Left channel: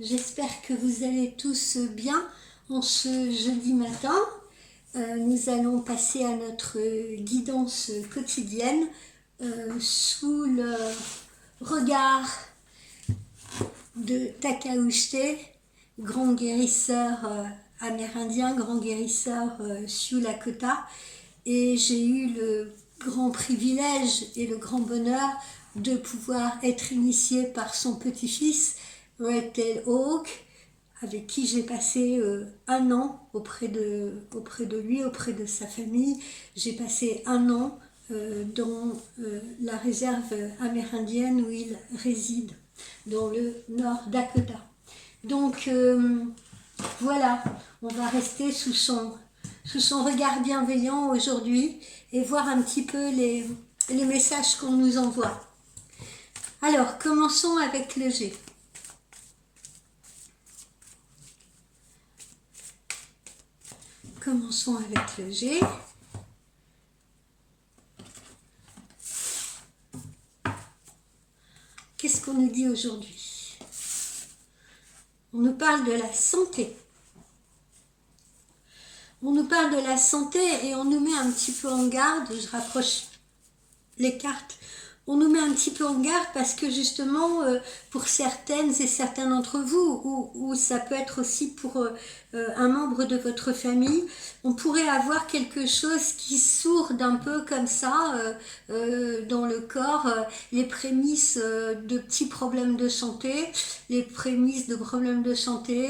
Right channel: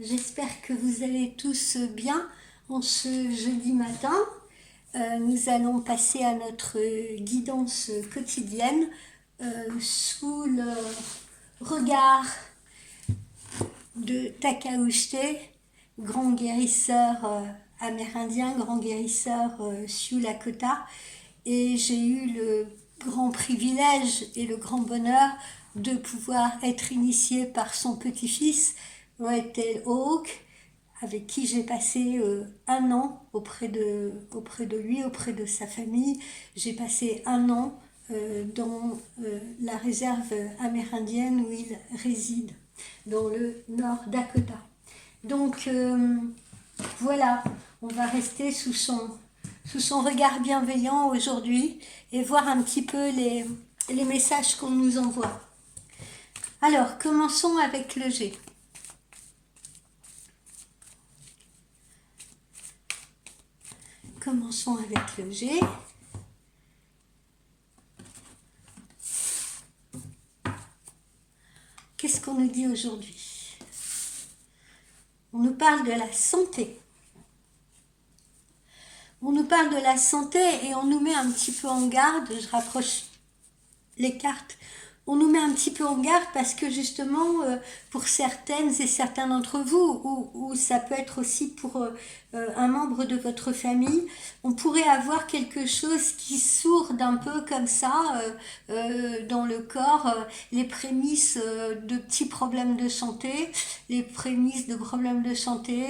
j'espère que vous allez tous bien en ce jeudi matin. Nous allons passer à notre guidance quotidienne sous le regard de Takauchte, grand guérisseur amérindien, grand guérisseur Sioux Lakota. Et j'ai eu le grand privilège et le grand bonheur de pouvoir être initiée par son petit-fils, Red Tail Hawk, avec qui j'ai passé un an auprès de lui, auprès de sa famille. J'ai passé un an dans la réserve amérindienne où il réside, dans le Nord Dakota. Donc voilà, on va rester sous son regard bienveillant aujourd'hui et voir un petit peu les messages qu'on nous envoie. Alors, commençons avec le G. Commençons avec le G. Qu'est-ce qu'on nous dit aujourd'hui? On nous parle de la santé. On nous parle de la santé et on nous met un petit peu en garde. Je rapproche les cartes. On nous met un petit peu en garde parce que justement, pour certaines et certains d'entre vous, ou ça peut être aussi pour un membre de votre famille, on pourrait avoir quelque chose qui sourde un peu comme ça dans le corps, les prémices de petits problèmes de santé, les prémices de problèmes de santé,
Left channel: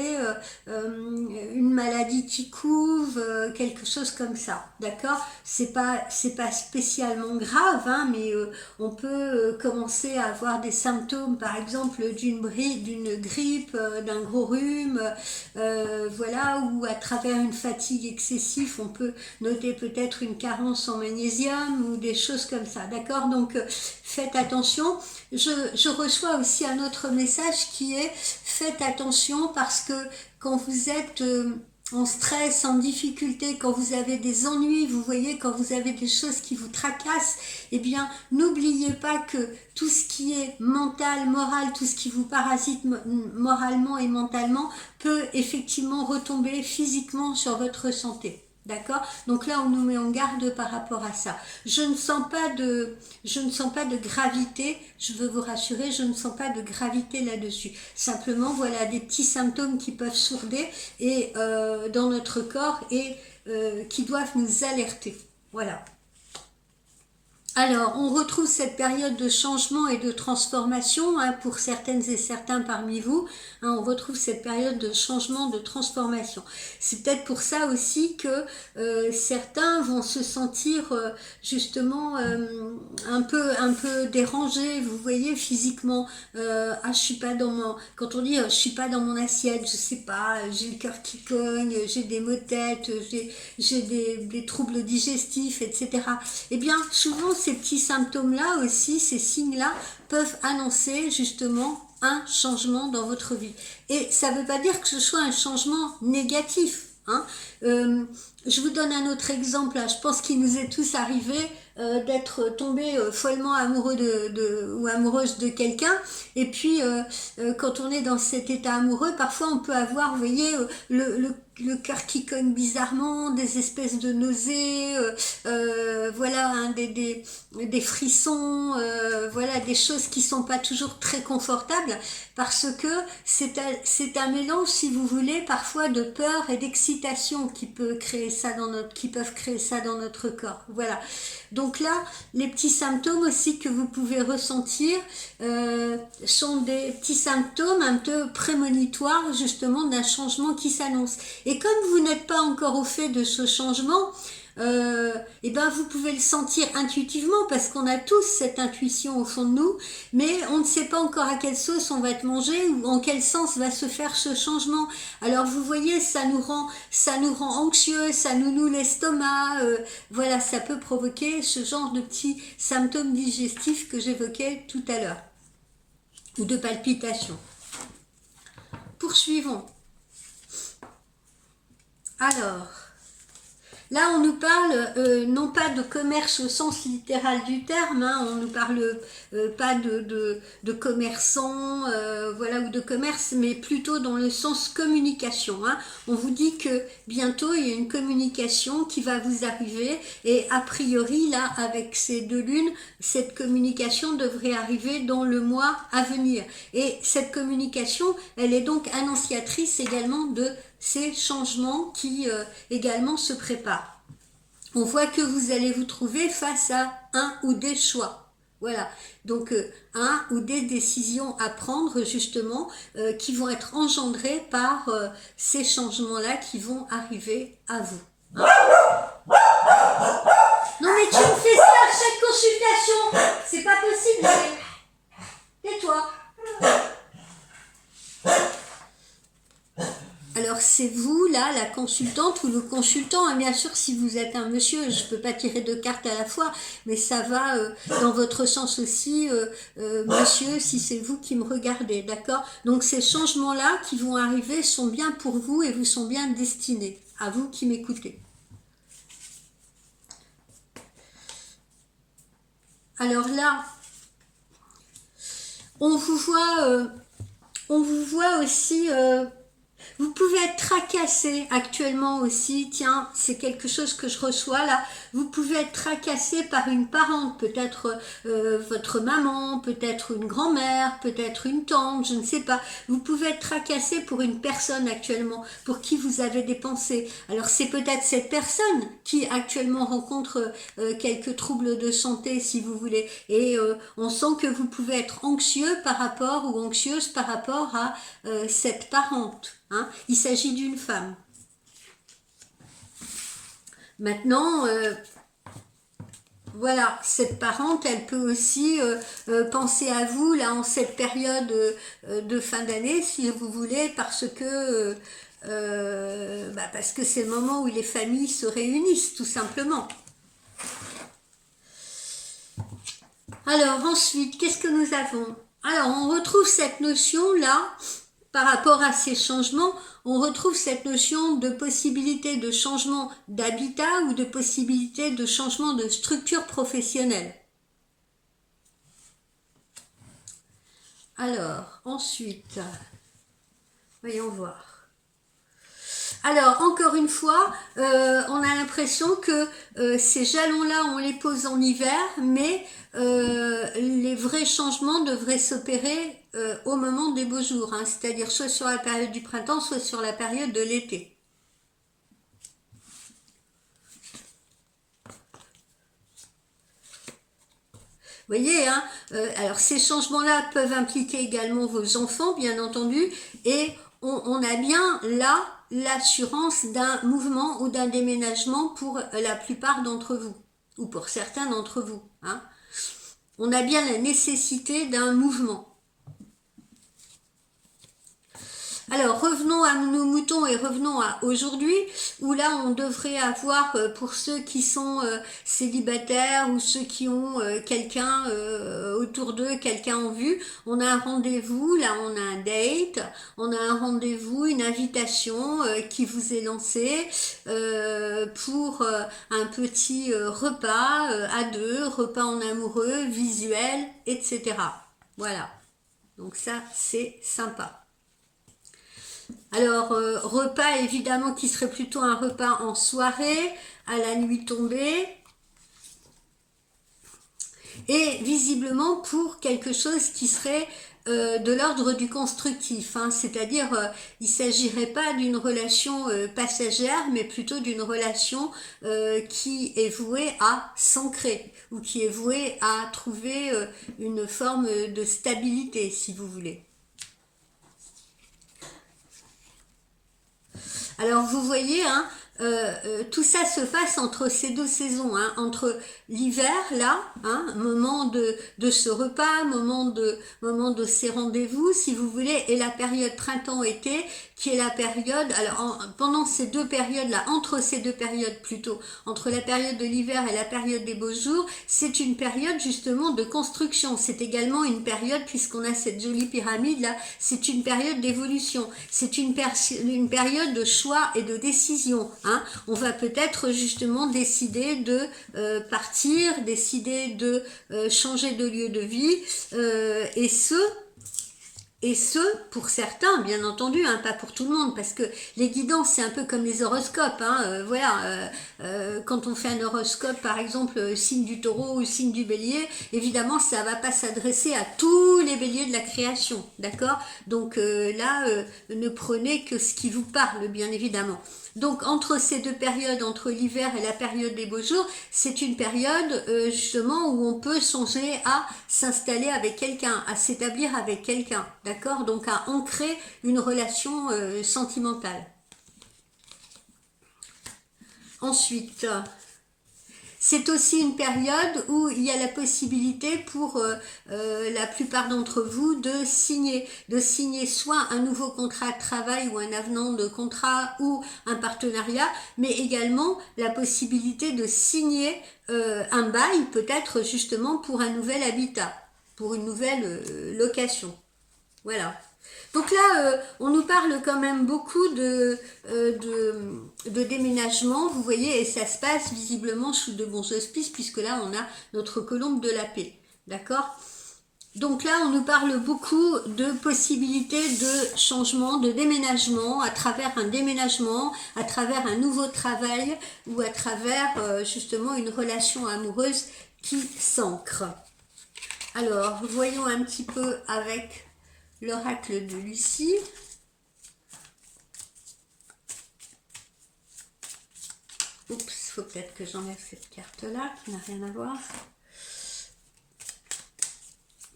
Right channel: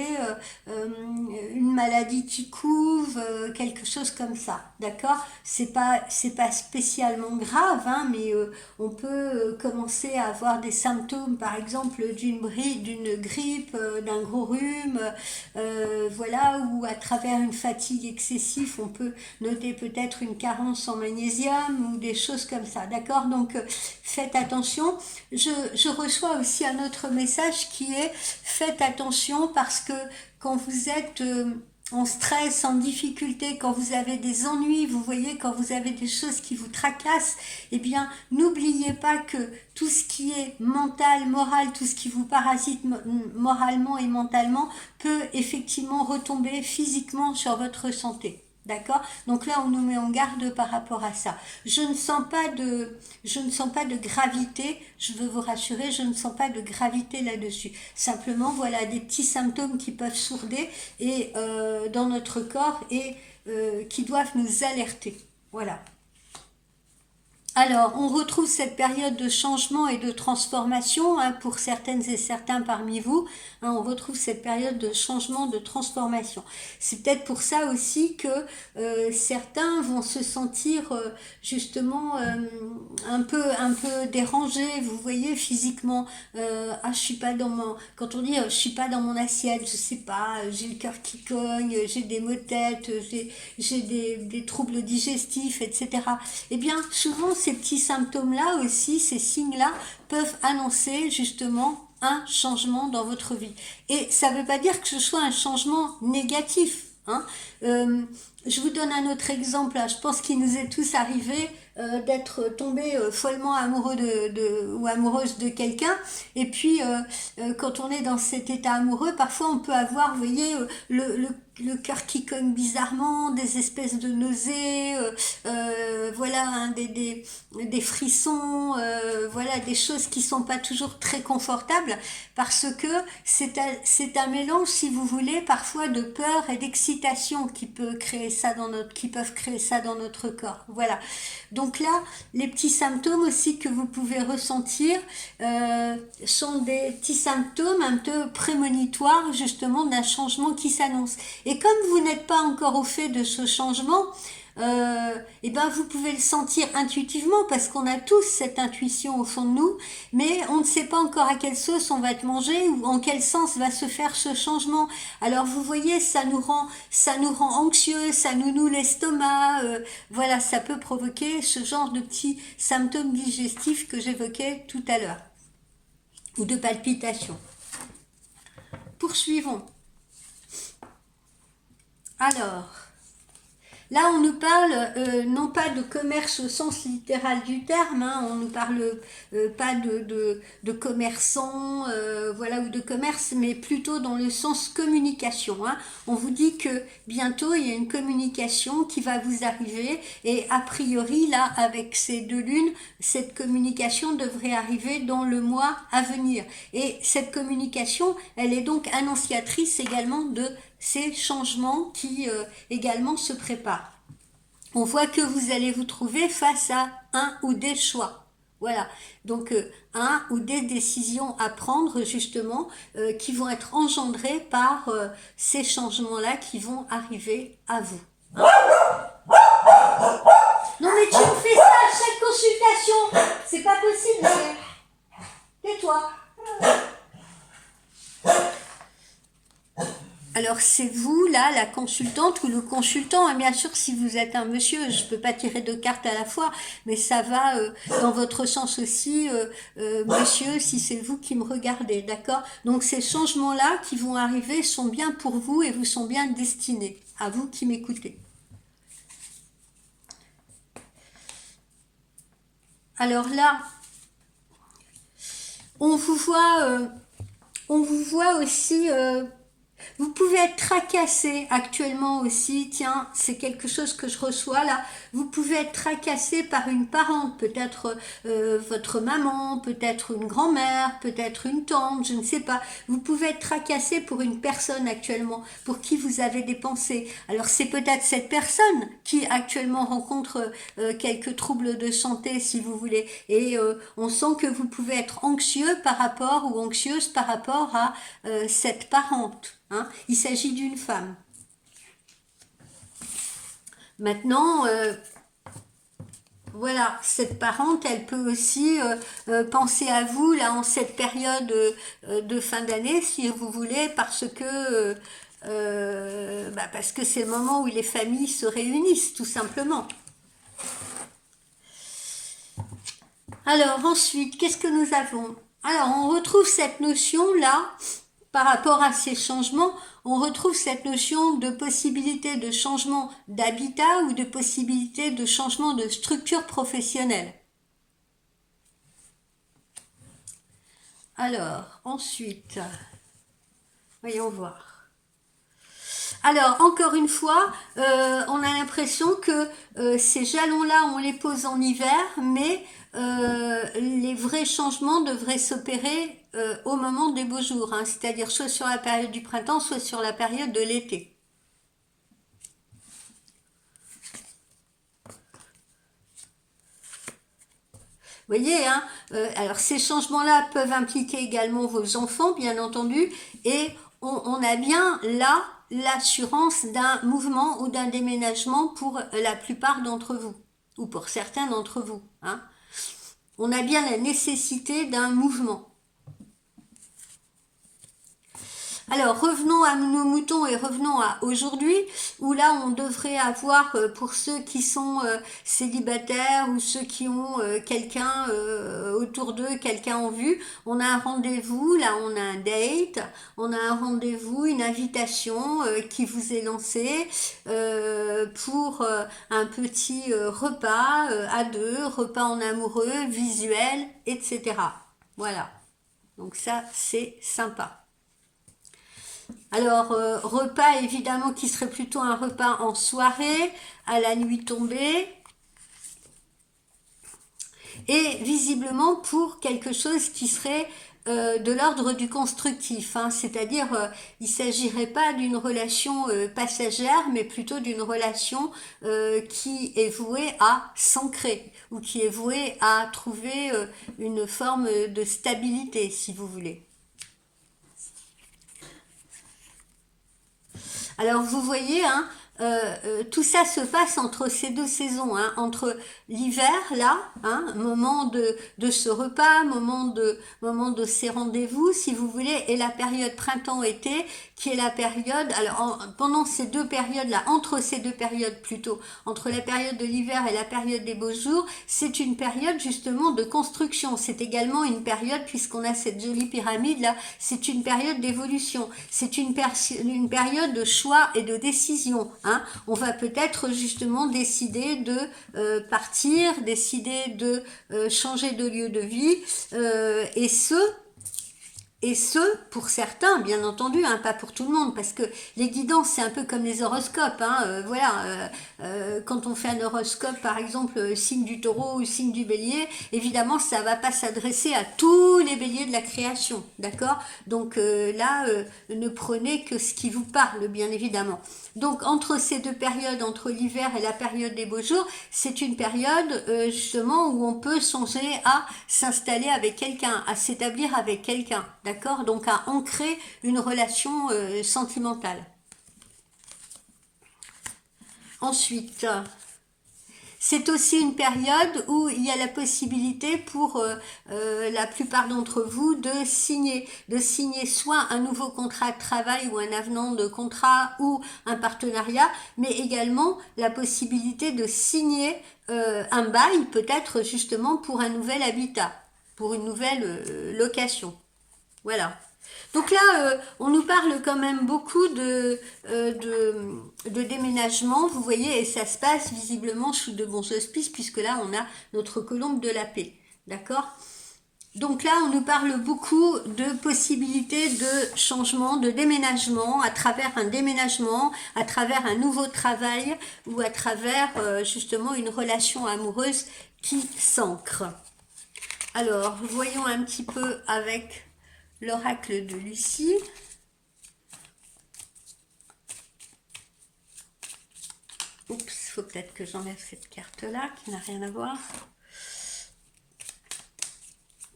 une maladie qui couve, quelque chose comme ça, d'accord? C'est pas spécialement grave, hein, mais on peut commencer à avoir des symptômes, par exemple d'une grippe, d'un gros rhume, voilà, ou à travers une fatigue excessive, on peut noter peut-être une carence en magnésium ou des choses comme ça, d'accord? Donc faites attention. Je reçois aussi un autre message qui est faites attention parce que quand vous êtes en stress, en difficulté, quand vous avez des ennuis, vous voyez, quand vous avez des choses qui vous tracassent, eh bien, n'oubliez pas que tout ce qui est mental, moral, tout ce qui vous parasite moralement et mentalement peut effectivement retomber physiquement sur votre santé. D'accord? Donc là, on nous met en garde par rapport à ça. Je ne sens pas de gravité, je veux vous rassurer, je ne sens pas de gravité là-dessus. Simplement, voilà des petits symptômes qui peuvent sourder et dans notre corps et qui doivent nous alerter. Voilà. Alors, on retrouve cette période de changement et de transformation hein, pour certaines et certains parmi vous. Hein, on retrouve cette période de changement, de transformation. C'est peut-être pour ça aussi que certains vont se sentir justement un peu dérangés. Vous voyez physiquement, je suis pas dans mon. Quand on dit je suis pas dans mon assiette, je sais pas, j'ai le cœur qui cogne, j'ai des maux de tête, j'ai des troubles digestifs, etc. Eh bien, souvent ces petits symptômes-là aussi, ces signes-là, peuvent annoncer justement un changement dans votre vie. Et ça ne veut pas dire que ce soit un changement négatif. Hein. Je vous donne un autre exemple. Je pense qu'il nous est tous arrivé d'être tombé follement amoureux ou amoureuse de quelqu'un. Et puis, quand on est dans cet état amoureux, parfois on peut avoir, vous voyez, le cœur qui cogne bizarrement, des espèces de nausées, voilà, hein, des frissons, voilà, des choses qui sont pas toujours très confortables parce que c'est un mélange, si vous voulez, parfois de peur et d'excitation qui peuvent créer ça dans notre corps. Voilà. Donc là, les petits symptômes aussi que vous pouvez ressentir sont des petits symptômes un peu prémonitoires justement d'un changement qui s'annonce. Et comme vous n'êtes pas encore au fait de ce changement, et ben vous pouvez le sentir intuitivement parce qu'on a tous cette intuition au fond de nous, mais on ne sait pas encore à quelle sauce on va être mangé ou en quel sens va se faire ce changement. Alors vous voyez, ça nous rend anxieux, ça nous noue l'estomac, voilà, ça peut provoquer ce genre de petits symptômes digestifs que j'évoquais tout à l'heure, ou de palpitations. Poursuivons. Alors, Là, on nous parle non pas de commerce au sens littéral du terme, hein, on nous parle pas de commerçants, voilà, ou de commerce, mais plutôt dans le sens communication. Hein. On vous dit que bientôt il y a une communication qui va vous arriver, et a priori là, avec ces deux lunes, cette communication devrait arriver dans le mois à venir. Et cette communication, elle est donc annonciatrice également de ces changements qui également se préparent. On voit que vous allez vous trouver face à un ou des choix. Voilà, donc un ou des décisions à prendre justement qui vont être engendrées par ces changements-là qui vont arriver à vous. Non mais tu me fais ça à chaque consultation, c'est pas possible. Tais-toi. Alors c'est vous là, la consultante ou le consultant, bien sûr si vous êtes un monsieur, je ne peux pas tirer deux cartes à la fois, mais ça va dans votre sens aussi, monsieur, si c'est vous qui me regardez, d'accord? Donc ces changements-là qui vont arriver sont bien pour vous et vous sont bien destinés, à vous qui m'écoutez. Alors là, on vous voit aussi... vous pouvez être tracassé actuellement aussi, tiens, c'est quelque chose que je reçois là, vous pouvez être tracassé par une parente, peut-être votre maman, peut-être une grand-mère, peut-être une tante, je ne sais pas. Vous pouvez être tracassé pour une personne actuellement, pour qui vous avez des pensées. Alors c'est peut-être cette personne qui actuellement rencontre quelques troubles de santé, si vous voulez, et on sent que vous pouvez être anxieux par rapport, ou anxieuse par rapport à cette parente. Hein, il s'agit d'une femme. Maintenant, voilà, cette parente, elle peut aussi penser à vous là en cette période de fin d'année, si vous voulez, parce que c'est le moment où les familles se réunissent, tout simplement. Alors ensuite, qu'est-ce que nous avons? Alors on retrouve cette notion là. Par rapport à ces changements, on retrouve cette notion de possibilité de changement d'habitat ou de possibilité de changement de structure professionnelle. Alors, ensuite, voyons voir. Alors, encore une fois, on a l'impression que ces jalons-là, on les pose en hiver, mais les vrais changements devraient s'opérer au moment des beaux jours, hein, c'est-à-dire soit sur la période du printemps, soit sur la période de l'été. Vous voyez, hein, alors ces changements-là peuvent impliquer également vos enfants, bien entendu, et on a bien là l'assurance d'un mouvement ou d'un déménagement pour la plupart d'entre vous, ou pour certains d'entre vous. Hein. On a bien la nécessité d'un mouvement. Alors revenons à nos moutons et revenons à aujourd'hui, où là on devrait avoir, pour ceux qui sont célibataires ou ceux qui ont quelqu'un autour d'eux, quelqu'un en vue, on a un rendez-vous, là on a un date, on a un rendez-vous, une invitation qui vous est lancée pour un petit repas à deux, repas en amoureux, visuel, etc. Voilà, donc ça c'est sympa. Alors, repas évidemment qui serait plutôt un repas en soirée, à la nuit tombée. Et visiblement pour quelque chose qui serait de l'ordre du constructif. Hein, c'est-à-dire, il ne s'agirait pas d'une relation passagère, mais plutôt d'une relation qui est vouée à s'ancrer, ou qui est vouée à trouver une forme de stabilité, si vous voulez. Alors vous voyez, hein, tout ça se passe entre ces deux saisons, hein, entre l'hiver, là, hein, moment de ce repas, moment de ces rendez-vous, si vous voulez, et la période printemps-été, qui est la période, alors pendant ces deux périodes-là, entre ces deux périodes plutôt, entre la période de l'hiver et la période des beaux jours, c'est une période justement de construction. C'est également une période, puisqu'on a cette jolie pyramide-là, c'est une période d'évolution. C'est une période de choix et de décision. hein. On va peut-être justement décider de partir, décider de changer de lieu de vie, et ce, pour certains, bien entendu, hein, pas pour tout le monde, parce que les guidances, c'est un peu comme les horoscopes. Hein, quand on fait un horoscope, par exemple, signe du taureau ou signe du bélier, évidemment, ça va pas s'adresser à tous les béliers de la création, d'accord? Donc ne prenez que ce qui vous parle, bien évidemment. Donc, entre ces deux périodes, entre l'hiver et la période des beaux jours, c'est une période, justement, où on peut songer à s'installer avec quelqu'un, à s'établir avec quelqu'un. D'accord? Donc à ancrer une relation sentimentale. Ensuite, c'est aussi une période où il y a la possibilité pour la plupart d'entre vous de signer soit un nouveau contrat de travail ou un avenant de contrat ou un partenariat, mais également la possibilité de signer un bail, peut-être justement pour un nouvel habitat, pour une nouvelle location. Voilà. Donc là, on nous parle quand même beaucoup de déménagement, vous voyez, et ça se passe visiblement sous de bons auspices, puisque là, on a notre colombe de la paix. D'accord? Donc là, on nous parle beaucoup de possibilités de changement, de déménagement, à travers un déménagement, à travers un nouveau travail, ou à travers justement une relation amoureuse qui s'ancre. Alors, voyons un petit peu avec l'oracle de Lucie. Oups, il faut peut-être que j'enlève cette carte-là qui n'a rien à voir.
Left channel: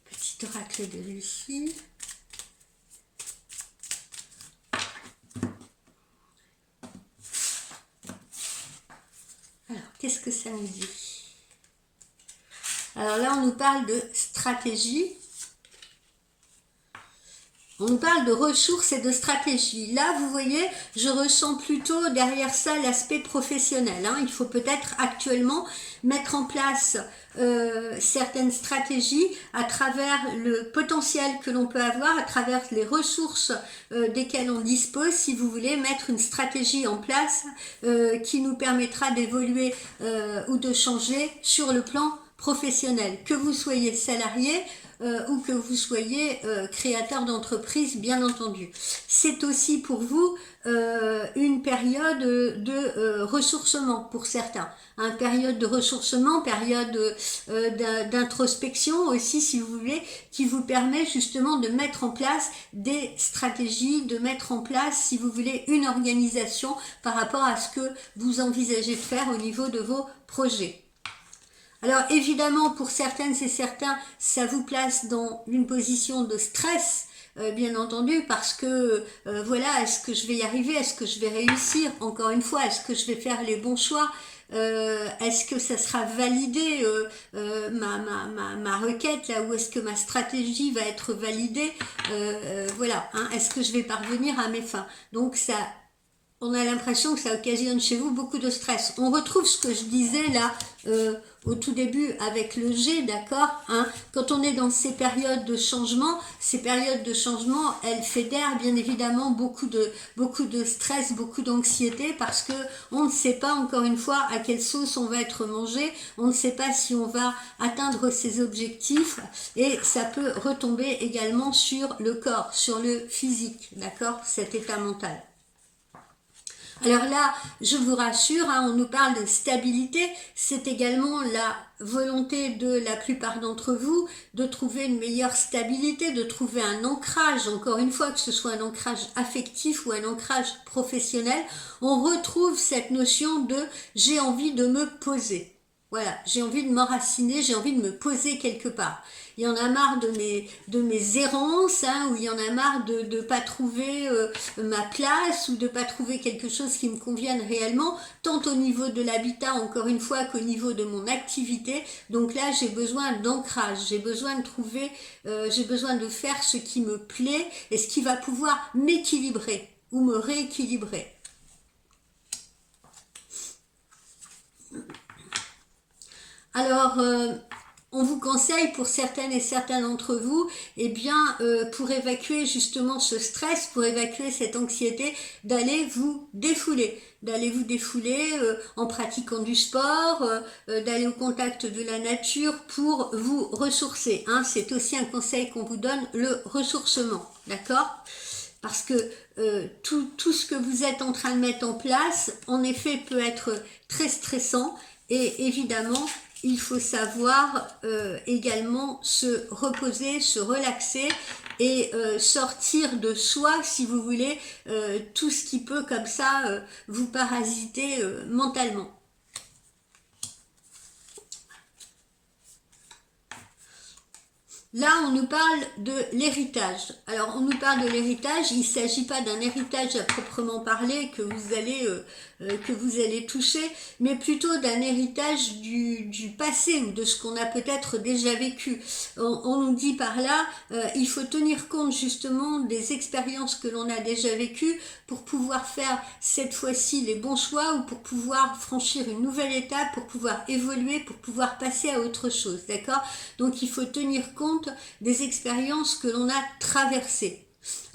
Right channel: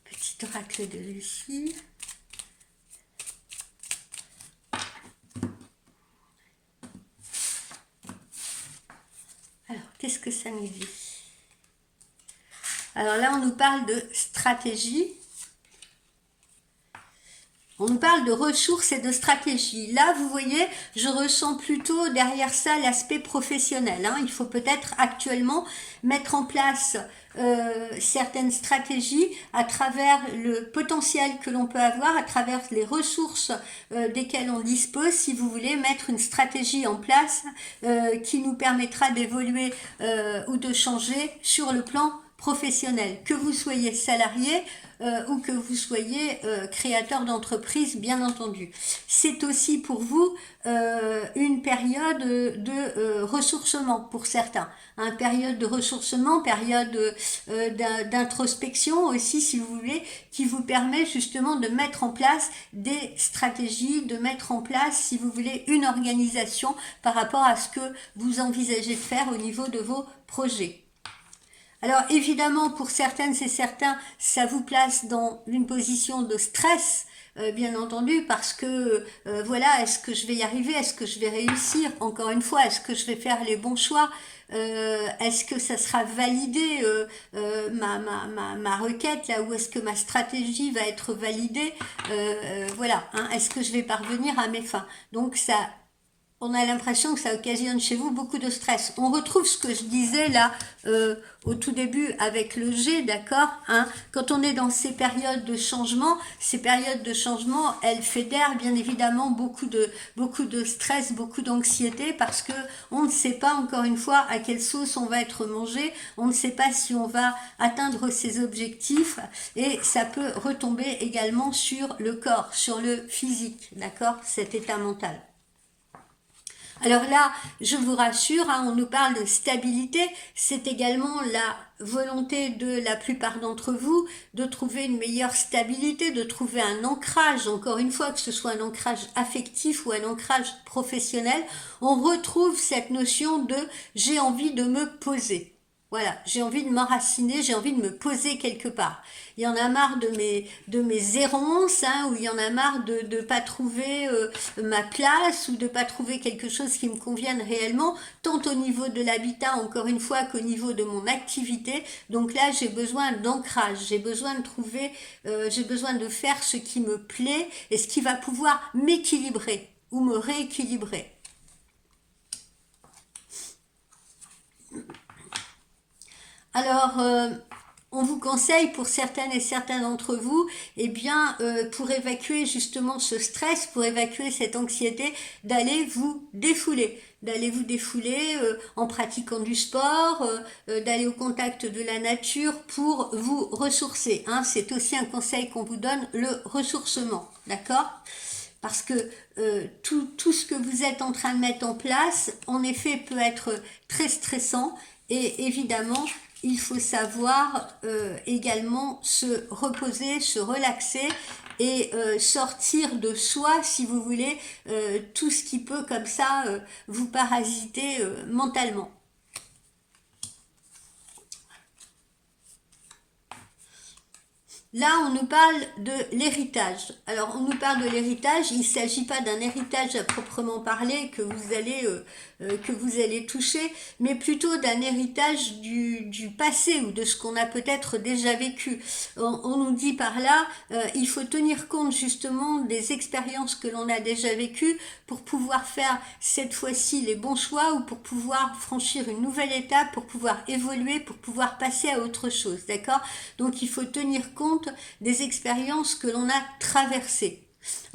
Petit oracle de Lucie. Alors, qu'est-ce que ça nous dit? Alors là, on nous parle de stratégie. On nous parle de ressources et de stratégie. Là, vous voyez, je ressens plutôt derrière ça l'aspect professionnel. Hein. Il faut peut-être actuellement mettre en place certaines stratégies à travers le potentiel que l'on peut avoir, à travers les ressources desquelles on dispose, si vous voulez mettre une stratégie en place qui nous permettra d'évoluer ou de changer sur le plan professionnel. Que vous soyez salarié, ou que vous soyez créateur d'entreprise, bien entendu. C'est aussi pour vous une période de ressourcement pour certains. Une période de ressourcement, période d'introspection aussi, si vous voulez, qui vous permet justement de mettre en place des stratégies, de mettre en place, si vous voulez, une organisation par rapport à ce que vous envisagez de faire au niveau de vos projets. Alors évidemment, pour certaines et certains, ça vous place dans une position de stress, bien entendu, parce que voilà, est-ce que je vais y arriver, est-ce que je vais réussir, encore une fois, est-ce que je vais faire les bons choix, est-ce que ça sera validé ma requête là, ou est-ce que ma stratégie va être validée, voilà, hein, est-ce que je vais parvenir à mes fins. Donc ça, on a l'impression que ça occasionne chez vous beaucoup de stress. On retrouve ce que je disais là au tout début avec le G, d'accord, hein, quand on est dans ces périodes de changement, elles fédèrent bien évidemment beaucoup de stress, beaucoup d'anxiété, parce que on ne sait pas, encore une fois, à quelle sauce on va être mangé, on ne sait pas si on va atteindre ses objectifs, et ça peut retomber également sur le corps, sur le physique, d'accord, cet état mental. Alors là, je vous rassure, hein, on nous parle de stabilité, c'est également la volonté de la plupart d'entre vous de trouver une meilleure stabilité, de trouver un ancrage, encore une fois, que ce soit un ancrage affectif ou un ancrage professionnel. On retrouve cette notion de « j'ai envie de me poser ». Voilà, j'ai envie de m'enraciner, j'ai envie de me poser quelque part. Il y en a marre de mes errances, hein, ou il y en a marre de ne pas trouver ma place, ou de ne pas trouver quelque chose qui me convienne réellement, tant au niveau de l'habitat, encore une fois, qu'au niveau de mon activité. Donc là, j'ai besoin d'ancrage, j'ai besoin de trouver, j'ai besoin de faire ce qui me plaît et ce qui va pouvoir m'équilibrer ou me rééquilibrer. Alors, on vous conseille pour certaines et certains d'entre vous, eh bien, pour évacuer justement ce stress, pour évacuer cette anxiété, d'aller vous défouler. d'aller vous défouler en pratiquant du sport, d'aller au contact de la nature pour vous ressourcer. Hein. C'est aussi un conseil qu'on vous donne, le ressourcement. D'accord ? Parce que tout ce que vous êtes en train de mettre en place, en effet, peut être très stressant. Et évidemment, il faut savoir également se reposer, se relaxer et sortir de soi, si vous voulez, tout ce qui peut comme ça vous parasiter mentalement. Là, on nous parle de l'héritage. Alors, on nous parle de l'héritage. Il ne s'agit pas d'un héritage à proprement parler que vous allez toucher, mais plutôt d'un héritage du passé ou de ce qu'on a peut-être déjà vécu. On nous dit par là, il faut tenir compte justement des expériences que l'on a déjà vécues pour pouvoir faire cette fois-ci les bons choix ou pour pouvoir franchir une nouvelle étape, pour pouvoir évoluer, pour pouvoir passer à autre chose. D'accord ? Donc, il faut tenir compte des expériences que l'on a traversées.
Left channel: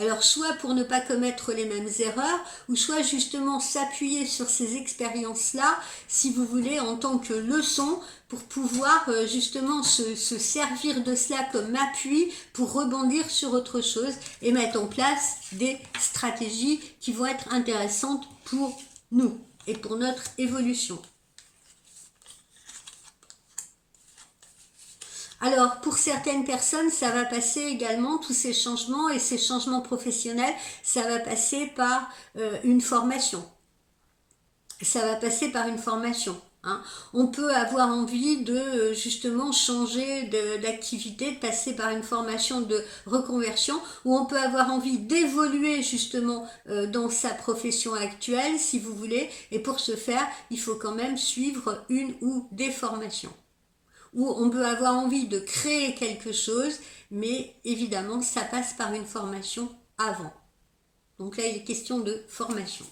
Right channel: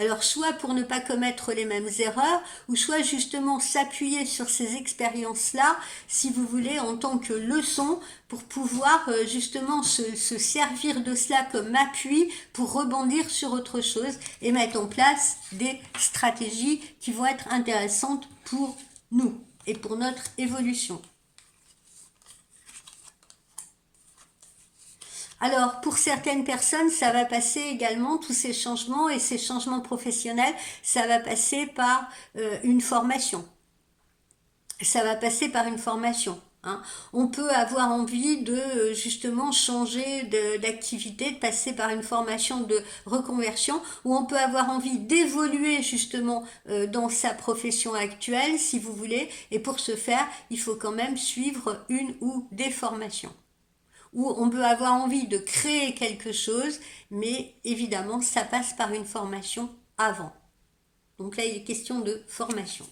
Alors soit pour ne pas commettre les mêmes erreurs, ou soit justement s'appuyer sur ces expériences-là, si vous voulez, en tant que leçon, pour pouvoir justement se servir de cela comme appui pour rebondir sur autre chose et mettre en place des stratégies qui vont être intéressantes pour nous et pour notre évolution. Alors, pour certaines personnes, ça va passer également, tous ces changements et ces changements professionnels, ça va passer par une formation. Ça va passer par une formation. Hein. On peut avoir envie de justement changer d'activité, de passer par une formation de reconversion, ou on peut avoir envie d'évoluer justement dans sa profession actuelle, si vous voulez, et pour ce faire, il faut quand même suivre une ou des formations. Où on peut avoir envie de créer quelque chose, mais évidemment, ça passe par une formation avant. Donc là, il est question de formation.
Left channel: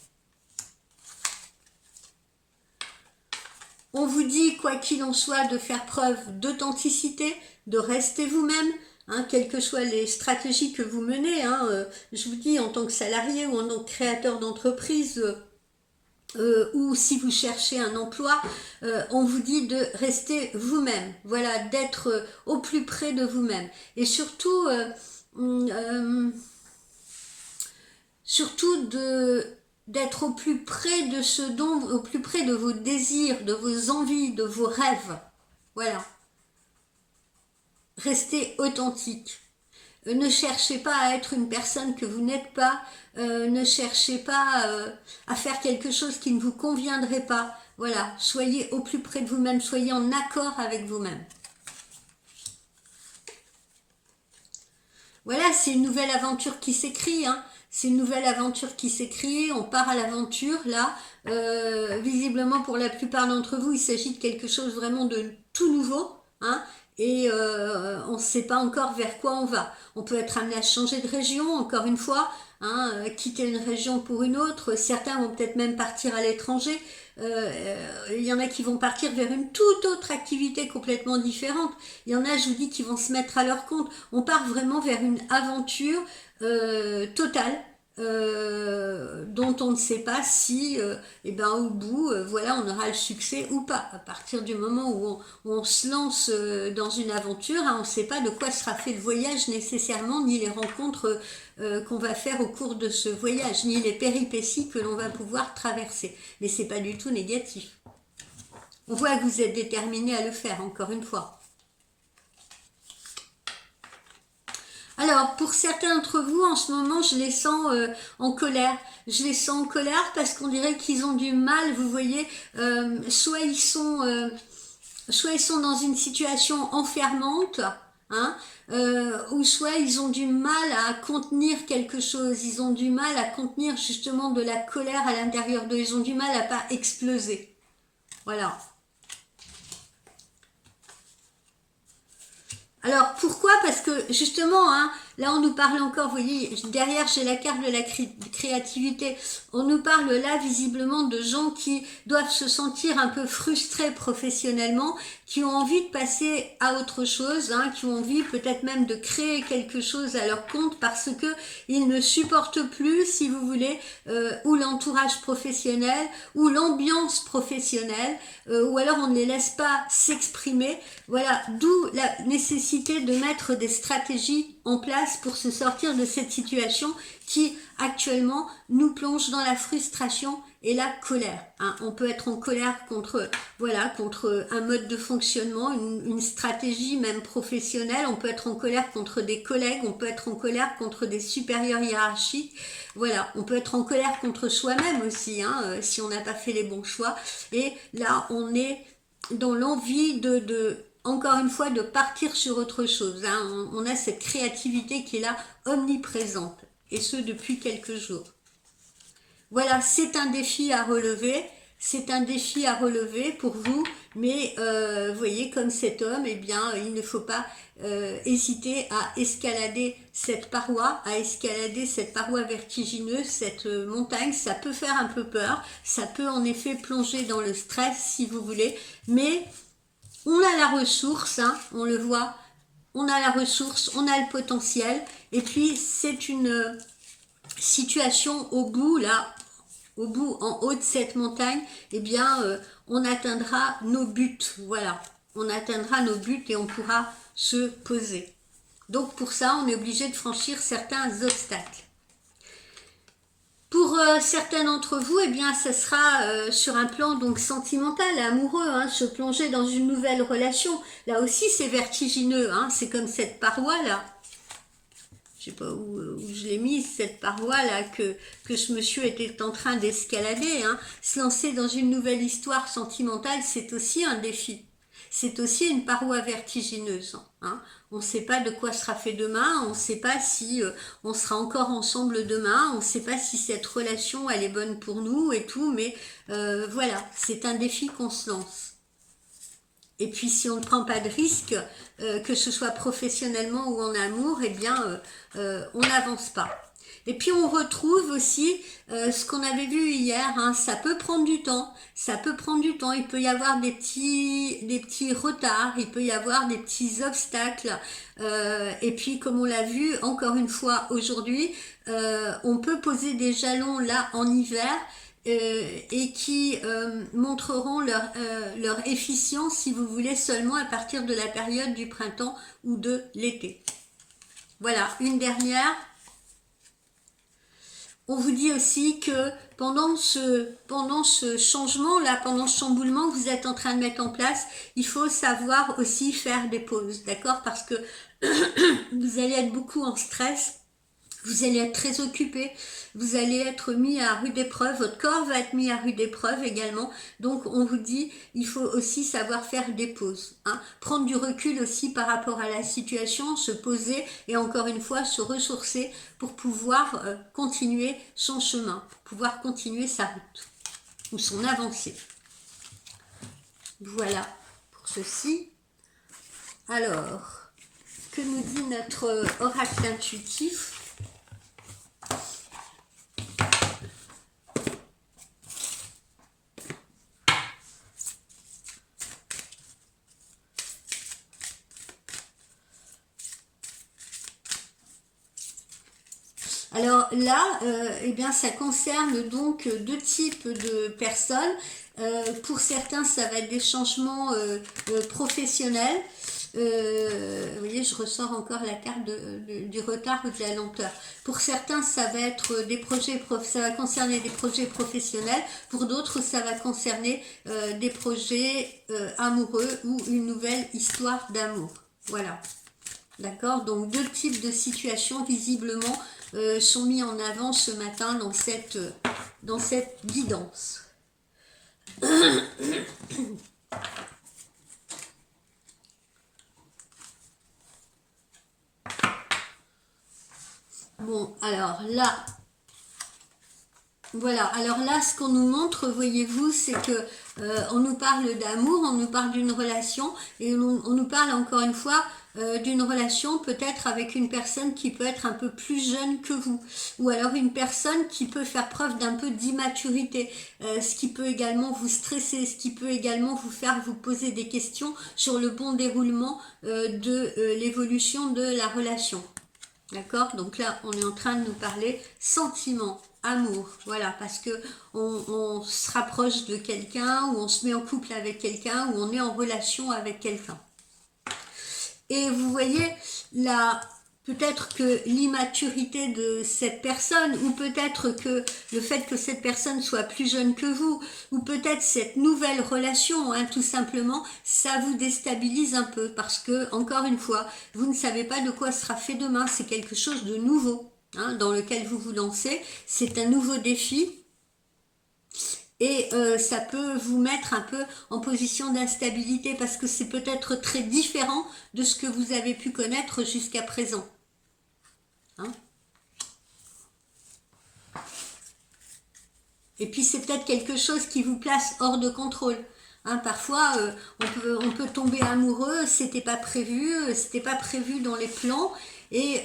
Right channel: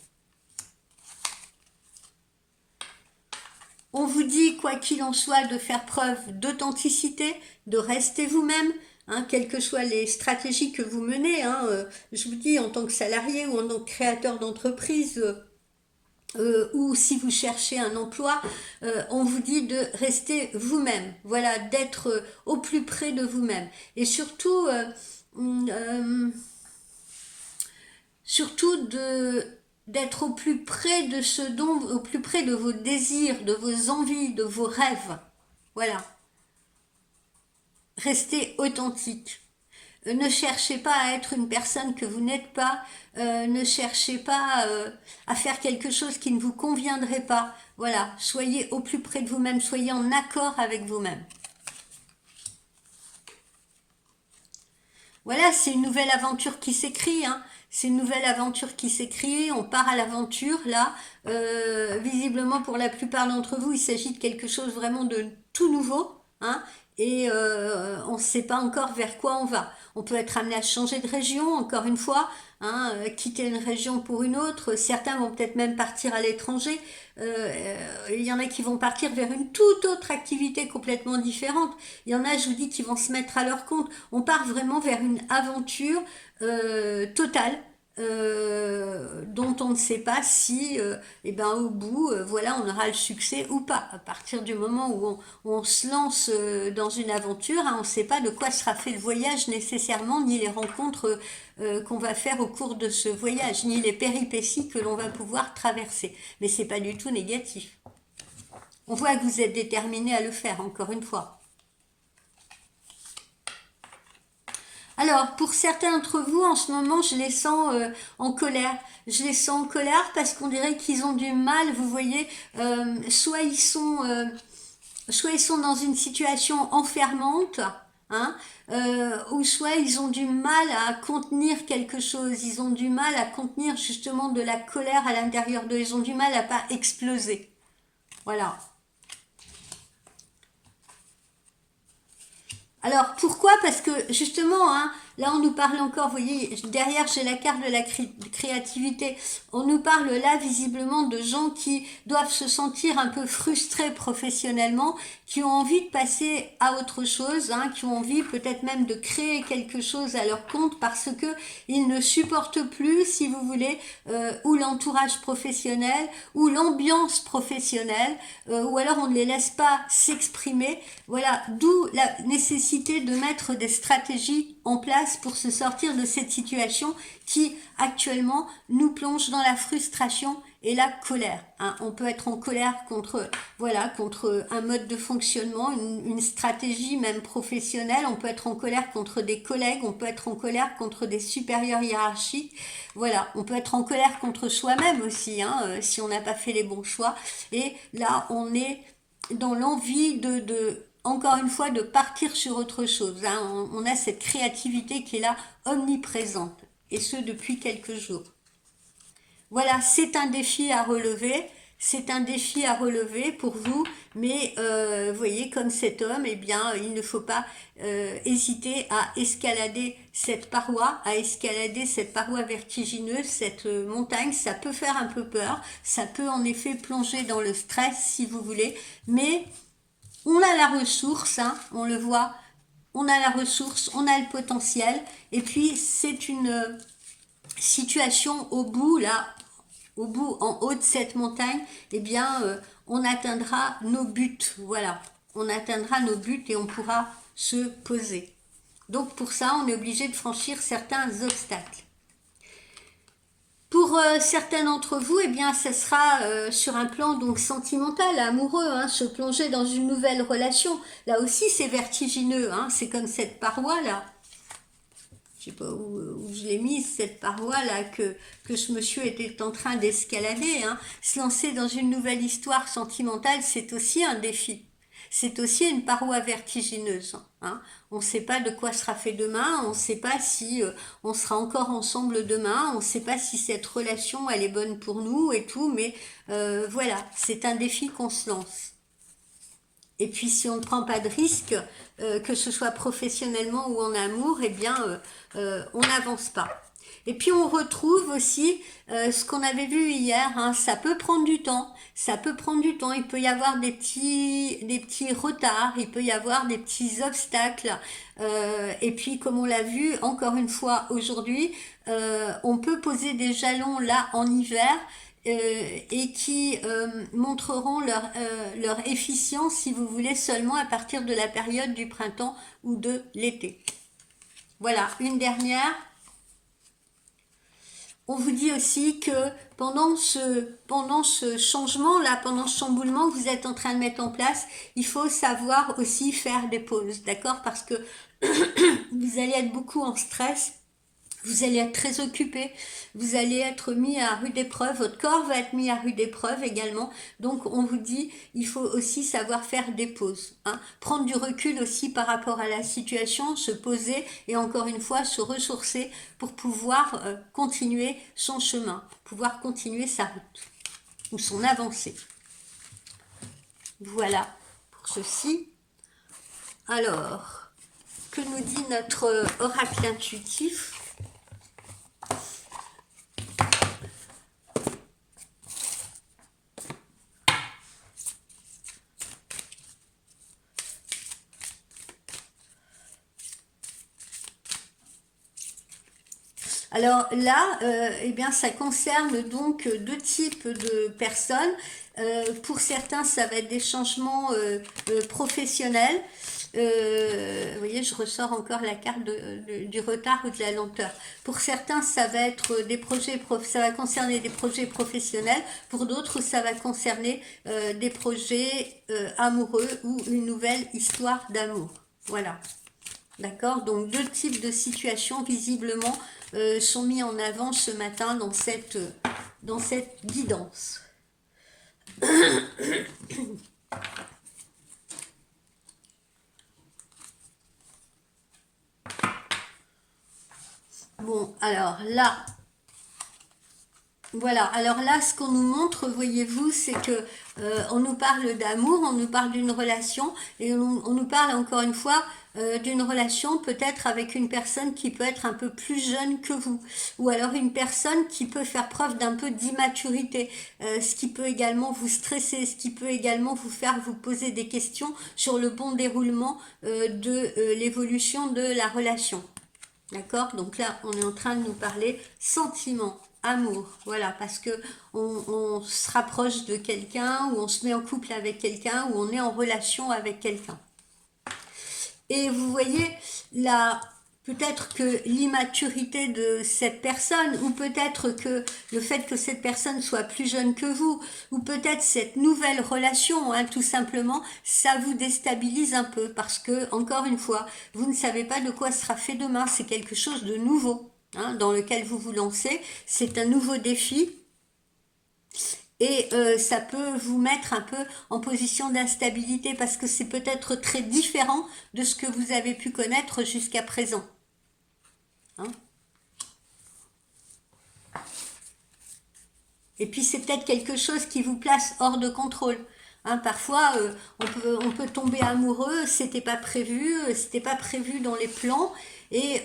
On vous dit, quoi qu'il en soit, de faire preuve d'authenticité, de rester vous-même, hein, quelles que soient les stratégies que vous menez. Hein, je vous dis, en tant que salarié ou en tant que créateur d'entreprise, ou si vous cherchez un emploi, on vous dit de rester vous-même, voilà, d'être au plus près de vous-même. Et surtout, surtout d'être au plus près de ce dont, au plus près de vos désirs, de vos envies, de vos rêves. Voilà. Restez authentique. Ne cherchez pas à être une personne que vous n'êtes pas. Ne cherchez pas à faire quelque chose qui ne vous conviendrait pas. Voilà, soyez au plus près de vous-même, soyez en accord avec vous-même. Voilà, c'est une nouvelle aventure qui s'écrit, hein. C'est une nouvelle aventure qui s'écrit, on part à l'aventure, là. Visiblement, pour la plupart d'entre vous, il s'agit de quelque chose vraiment de tout nouveau, hein. Et on ne sait pas encore vers quoi on va. On peut être amené à changer de région, encore une fois, hein, quitter une région pour une autre. Certains vont peut-être même partir à l'étranger. Il y en a qui vont partir vers une toute autre activité complètement différente. Il y en a, je vous dis, qui vont se mettre à leur compte. On part vraiment vers une aventure totale. Dont on ne sait pas si au bout voilà, on aura le succès ou pas. À partir du moment où on se lance dans une aventure, hein, on ne sait pas de quoi sera fait le voyage nécessairement, ni les rencontres qu'on va faire au cours de ce voyage, ni les péripéties que l'on va pouvoir traverser. Mais c'est pas du tout négatif. On voit que vous êtes déterminé à le faire, encore une fois. Alors, pour certains d'entre vous, en ce moment, je les sens en colère. Je les sens en colère parce qu'on dirait qu'ils ont du mal, vous voyez, soit ils sont dans une situation enfermante, hein, ou soit ils ont du mal à contenir quelque chose, ils ont du mal à contenir justement de la colère à l'intérieur d'eux, ils ont du mal à pas exploser. Voilà. Alors pourquoi ? Parce que justement, hein, là on nous parle encore, vous voyez, derrière j'ai la carte de la créativité, on nous parle là visiblement de gens qui doivent se sentir un peu frustrés professionnellement, qui ont envie de passer à autre chose, hein, qui ont envie peut-être même de créer quelque chose à leur compte parce que ils ne supportent plus, si vous voulez, ou l'entourage professionnel, ou l'ambiance professionnelle, ou alors on ne les laisse pas s'exprimer. Voilà, d'où la nécessité de mettre des stratégies en place pour se sortir de cette situation qui actuellement nous plonge dans la frustration et la colère. Hein. On peut être en colère contre, voilà, contre un mode de fonctionnement, une stratégie même professionnelle. On peut être en colère contre des collègues, on peut être en colère contre des supérieurs hiérarchiques. Voilà, on peut être en colère contre soi-même aussi, hein, si on n'a pas fait les bons choix. Et là, on est dans l'envie encore une fois, de partir sur autre chose. Hein. On a cette créativité qui est là, omniprésente, et ce depuis quelques jours. Voilà, c'est un défi à relever, c'est un défi à relever pour vous, mais vous voyez, comme cet homme, eh bien, il ne faut pas hésiter à escalader cette paroi, vertigineuse, cette montagne. Ça peut faire un peu peur, ça peut en effet plonger dans le stress si vous voulez, mais on a la ressource, hein, on le voit, on a la ressource, on a le potentiel, et puis c'est une situation au bout, là, au bout, en haut de cette montagne, eh bien, on atteindra nos buts, voilà, on atteindra nos buts et on pourra se poser. Donc pour ça, on est obligé de franchir certains obstacles. Pour certains d'entre vous, eh bien, ça sera sur un plan donc sentimental, amoureux, hein, se plonger dans une nouvelle relation. Là aussi, c'est vertigineux, hein, c'est comme cette paroi là. Je sais pas où je l'ai mise, cette paroi là que ce monsieur était en train d'escalader. Hein. Se lancer dans une nouvelle histoire sentimentale, c'est aussi un défi. C'est aussi une paroi vertigineuse. Hein. On ne sait pas de quoi sera fait demain, on ne sait pas si on sera encore ensemble demain, on ne sait pas si cette relation elle est bonne pour nous et tout, mais voilà, c'est un défi qu'on se lance. Et puis si on ne prend pas de risque, que ce soit professionnellement ou en amour, eh bien on n'avance pas. Et puis on retrouve aussi ce qu'on avait vu hier, hein, ça peut prendre du temps, il peut y avoir des petits retards, il peut y avoir des petits obstacles, et puis comme on l'a vu encore une fois aujourd'hui, on peut poser des jalons là en hiver, et qui montreront leur efficience, si vous voulez, seulement à partir de la période du printemps ou de l'été. Voilà, une dernière. On vous dit aussi que pendant ce changement-là, pendant ce chamboulement que vous êtes en train de mettre en place, il faut savoir aussi faire des pauses, d'accord? Parce que vous allez être beaucoup en stress, vous allez être très occupé, vous allez être mis à rude épreuve, votre corps va être mis à rude épreuve également. Donc on vous dit, il faut aussi savoir faire des pauses, hein. Prendre du recul aussi par rapport à la situation, se poser et encore une fois se ressourcer pour pouvoir continuer son chemin, pouvoir continuer sa route ou son avancée. Voilà pour ceci. Alors, que nous dit notre oracle intuitif ? Alors là, eh bien, ça concerne donc deux types de personnes. Pour certains, ça va être des changements professionnels. Vous voyez, je ressors encore la carte du retard ou de la lenteur. Pour certains, ça va être ça va concerner des projets professionnels. Pour d'autres, ça va concerner des projets amoureux ou une nouvelle histoire d'amour. Voilà. D'accord, donc deux types de situations visiblement sont mis en avant ce matin dans cette guidance. Bon, alors là, voilà, alors là, ce qu'on nous montre, voyez-vous, c'est que on nous parle d'amour, on nous parle d'une relation, et on nous parle encore une fois d'une relation, peut-être avec une personne qui peut être un peu plus jeune que vous, ou alors une personne qui peut faire preuve d'un peu d'immaturité, ce qui peut également vous stresser, ce qui peut également vous faire vous poser des questions sur le bon déroulement de l'évolution de la relation. D'accord? Donc là, on est en train de nous parler sentiments, amour, voilà, parce que on se rapproche de quelqu'un, ou on se met en couple avec quelqu'un, ou on est en relation avec quelqu'un. Et vous voyez, là, peut-être que l'immaturité de cette personne, ou peut-être que le fait que cette personne soit plus jeune que vous, ou peut-être cette nouvelle relation, hein, tout simplement, ça vous déstabilise un peu, parce que, encore une fois, vous ne savez pas de quoi sera fait demain, c'est quelque chose de nouveau, hein, dans lequel vous vous lancez, c'est un nouveau défi, et ça peut vous mettre un peu en position d'instabilité parce que c'est peut-être très différent de ce que vous avez pu connaître jusqu'à présent. Hein. Et puis c'est peut-être quelque chose qui vous place hors de contrôle. Hein, parfois, on peut tomber amoureux, c'était pas prévu dans les plans, et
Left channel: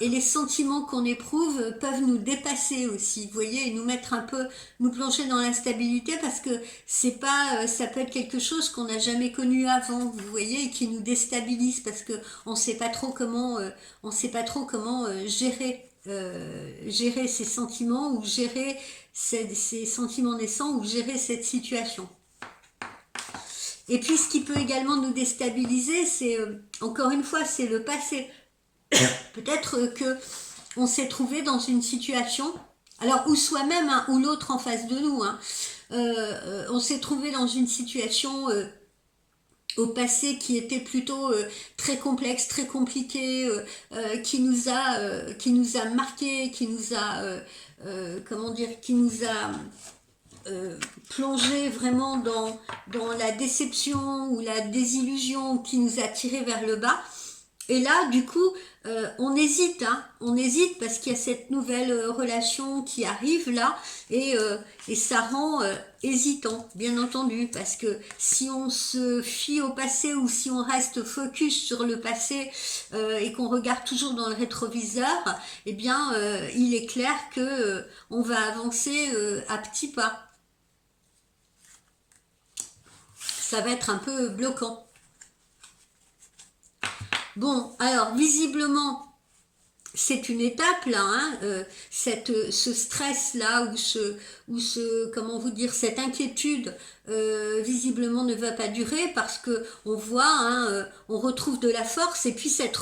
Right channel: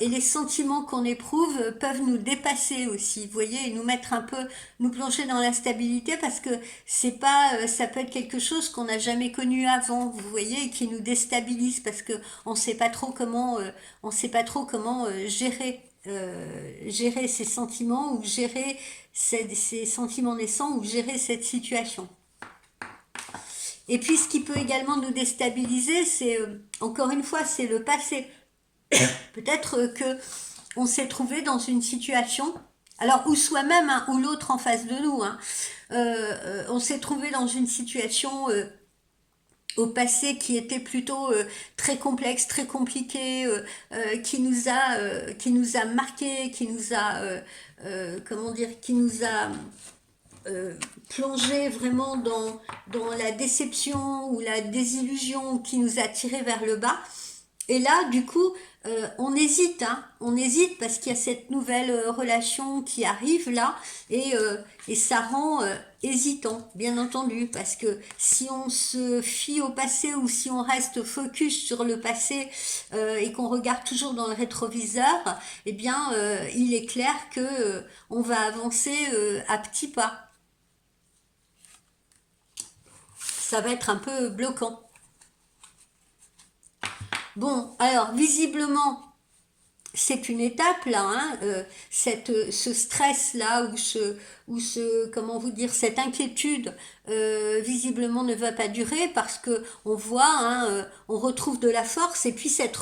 les sentiments qu'on éprouve peuvent nous dépasser aussi, vous voyez, et nous mettre un peu, nous plonger dans l'instabilité parce que c'est pas, ça peut être quelque chose qu'on n'a jamais connu avant, vous voyez, et qui nous déstabilise parce que on sait pas trop comment gérer ces sentiments ou gérer ces sentiments naissants ou gérer cette situation. Et puis ce qui peut également nous déstabiliser, c'est encore une fois, c'est le passé. Peut-être que on s'est trouvé dans une situation, alors ou soi-même hein, ou l'autre en face de nous, hein, on s'est trouvé dans une situation au passé qui était plutôt très complexe, très compliqué, qui nous a marqué, comment dire, qui nous a plongé vraiment dans la déception ou la désillusion, qui nous a tiré vers le bas. Et là, du coup, on hésite, hein, on hésite parce qu'il y a cette nouvelle relation qui arrive là, et ça rend hésitant, bien entendu, parce que si on se fie au passé ou si on reste focus sur le passé et qu'on regarde toujours dans le rétroviseur, eh bien, il est clair que on va avancer à petits pas. Ça va être un peu bloquant. Bon, alors visiblement, c'est une étape là, hein, ce stress là comment vous dire, cette inquiétude visiblement ne va pas durer parce que on voit, hein, on retrouve de la force et puis cette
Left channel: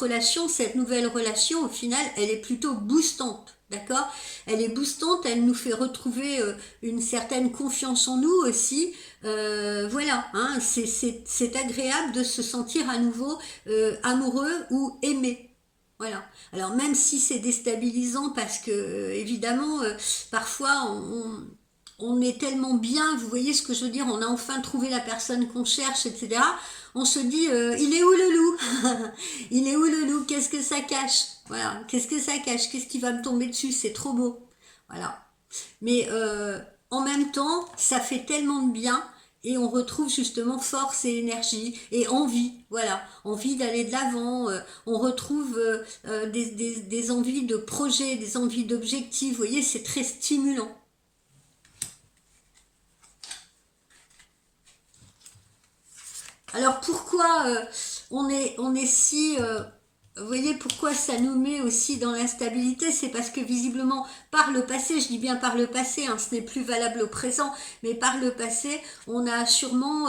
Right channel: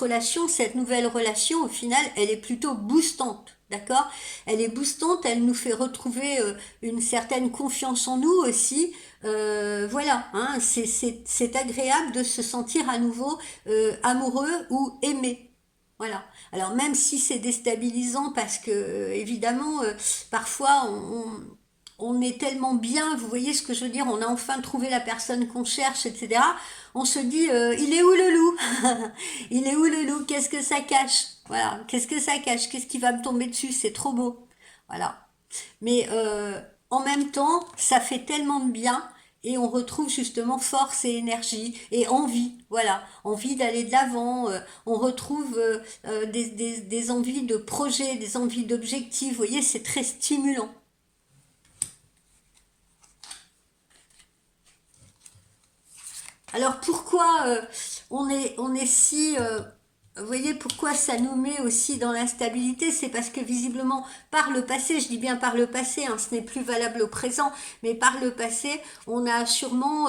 nouvelle relation au final, elle est plutôt boostante. D'accord? Elle est boostante, elle nous fait retrouver une certaine confiance en nous aussi. Voilà, hein, c'est agréable de se sentir à nouveau amoureux ou aimé. Voilà. Alors même si c'est déstabilisant parce que évidemment parfois on est tellement bien, vous voyez ce que je veux dire, on a enfin trouvé la personne qu'on cherche, etc. On se dit il est où le loup? Il est où le loup? Qu'est-ce que ça cache? Voilà, qu'est-ce que ça cache? Qu'est-ce qui va me tomber dessus? C'est trop beau. Voilà. Mais en même temps, ça fait tellement de bien et on retrouve justement force et énergie et envie, voilà, envie d'aller de l'avant, on retrouve des envies de projet, des envies d'objectifs, vous voyez, c'est très stimulant. Alors pourquoi on est si... vous voyez pourquoi ça nous met aussi dans l'instabilité, c'est parce que visiblement par le passé, je dis bien par le passé, hein, ce n'est plus valable au présent, mais par le passé, on a sûrement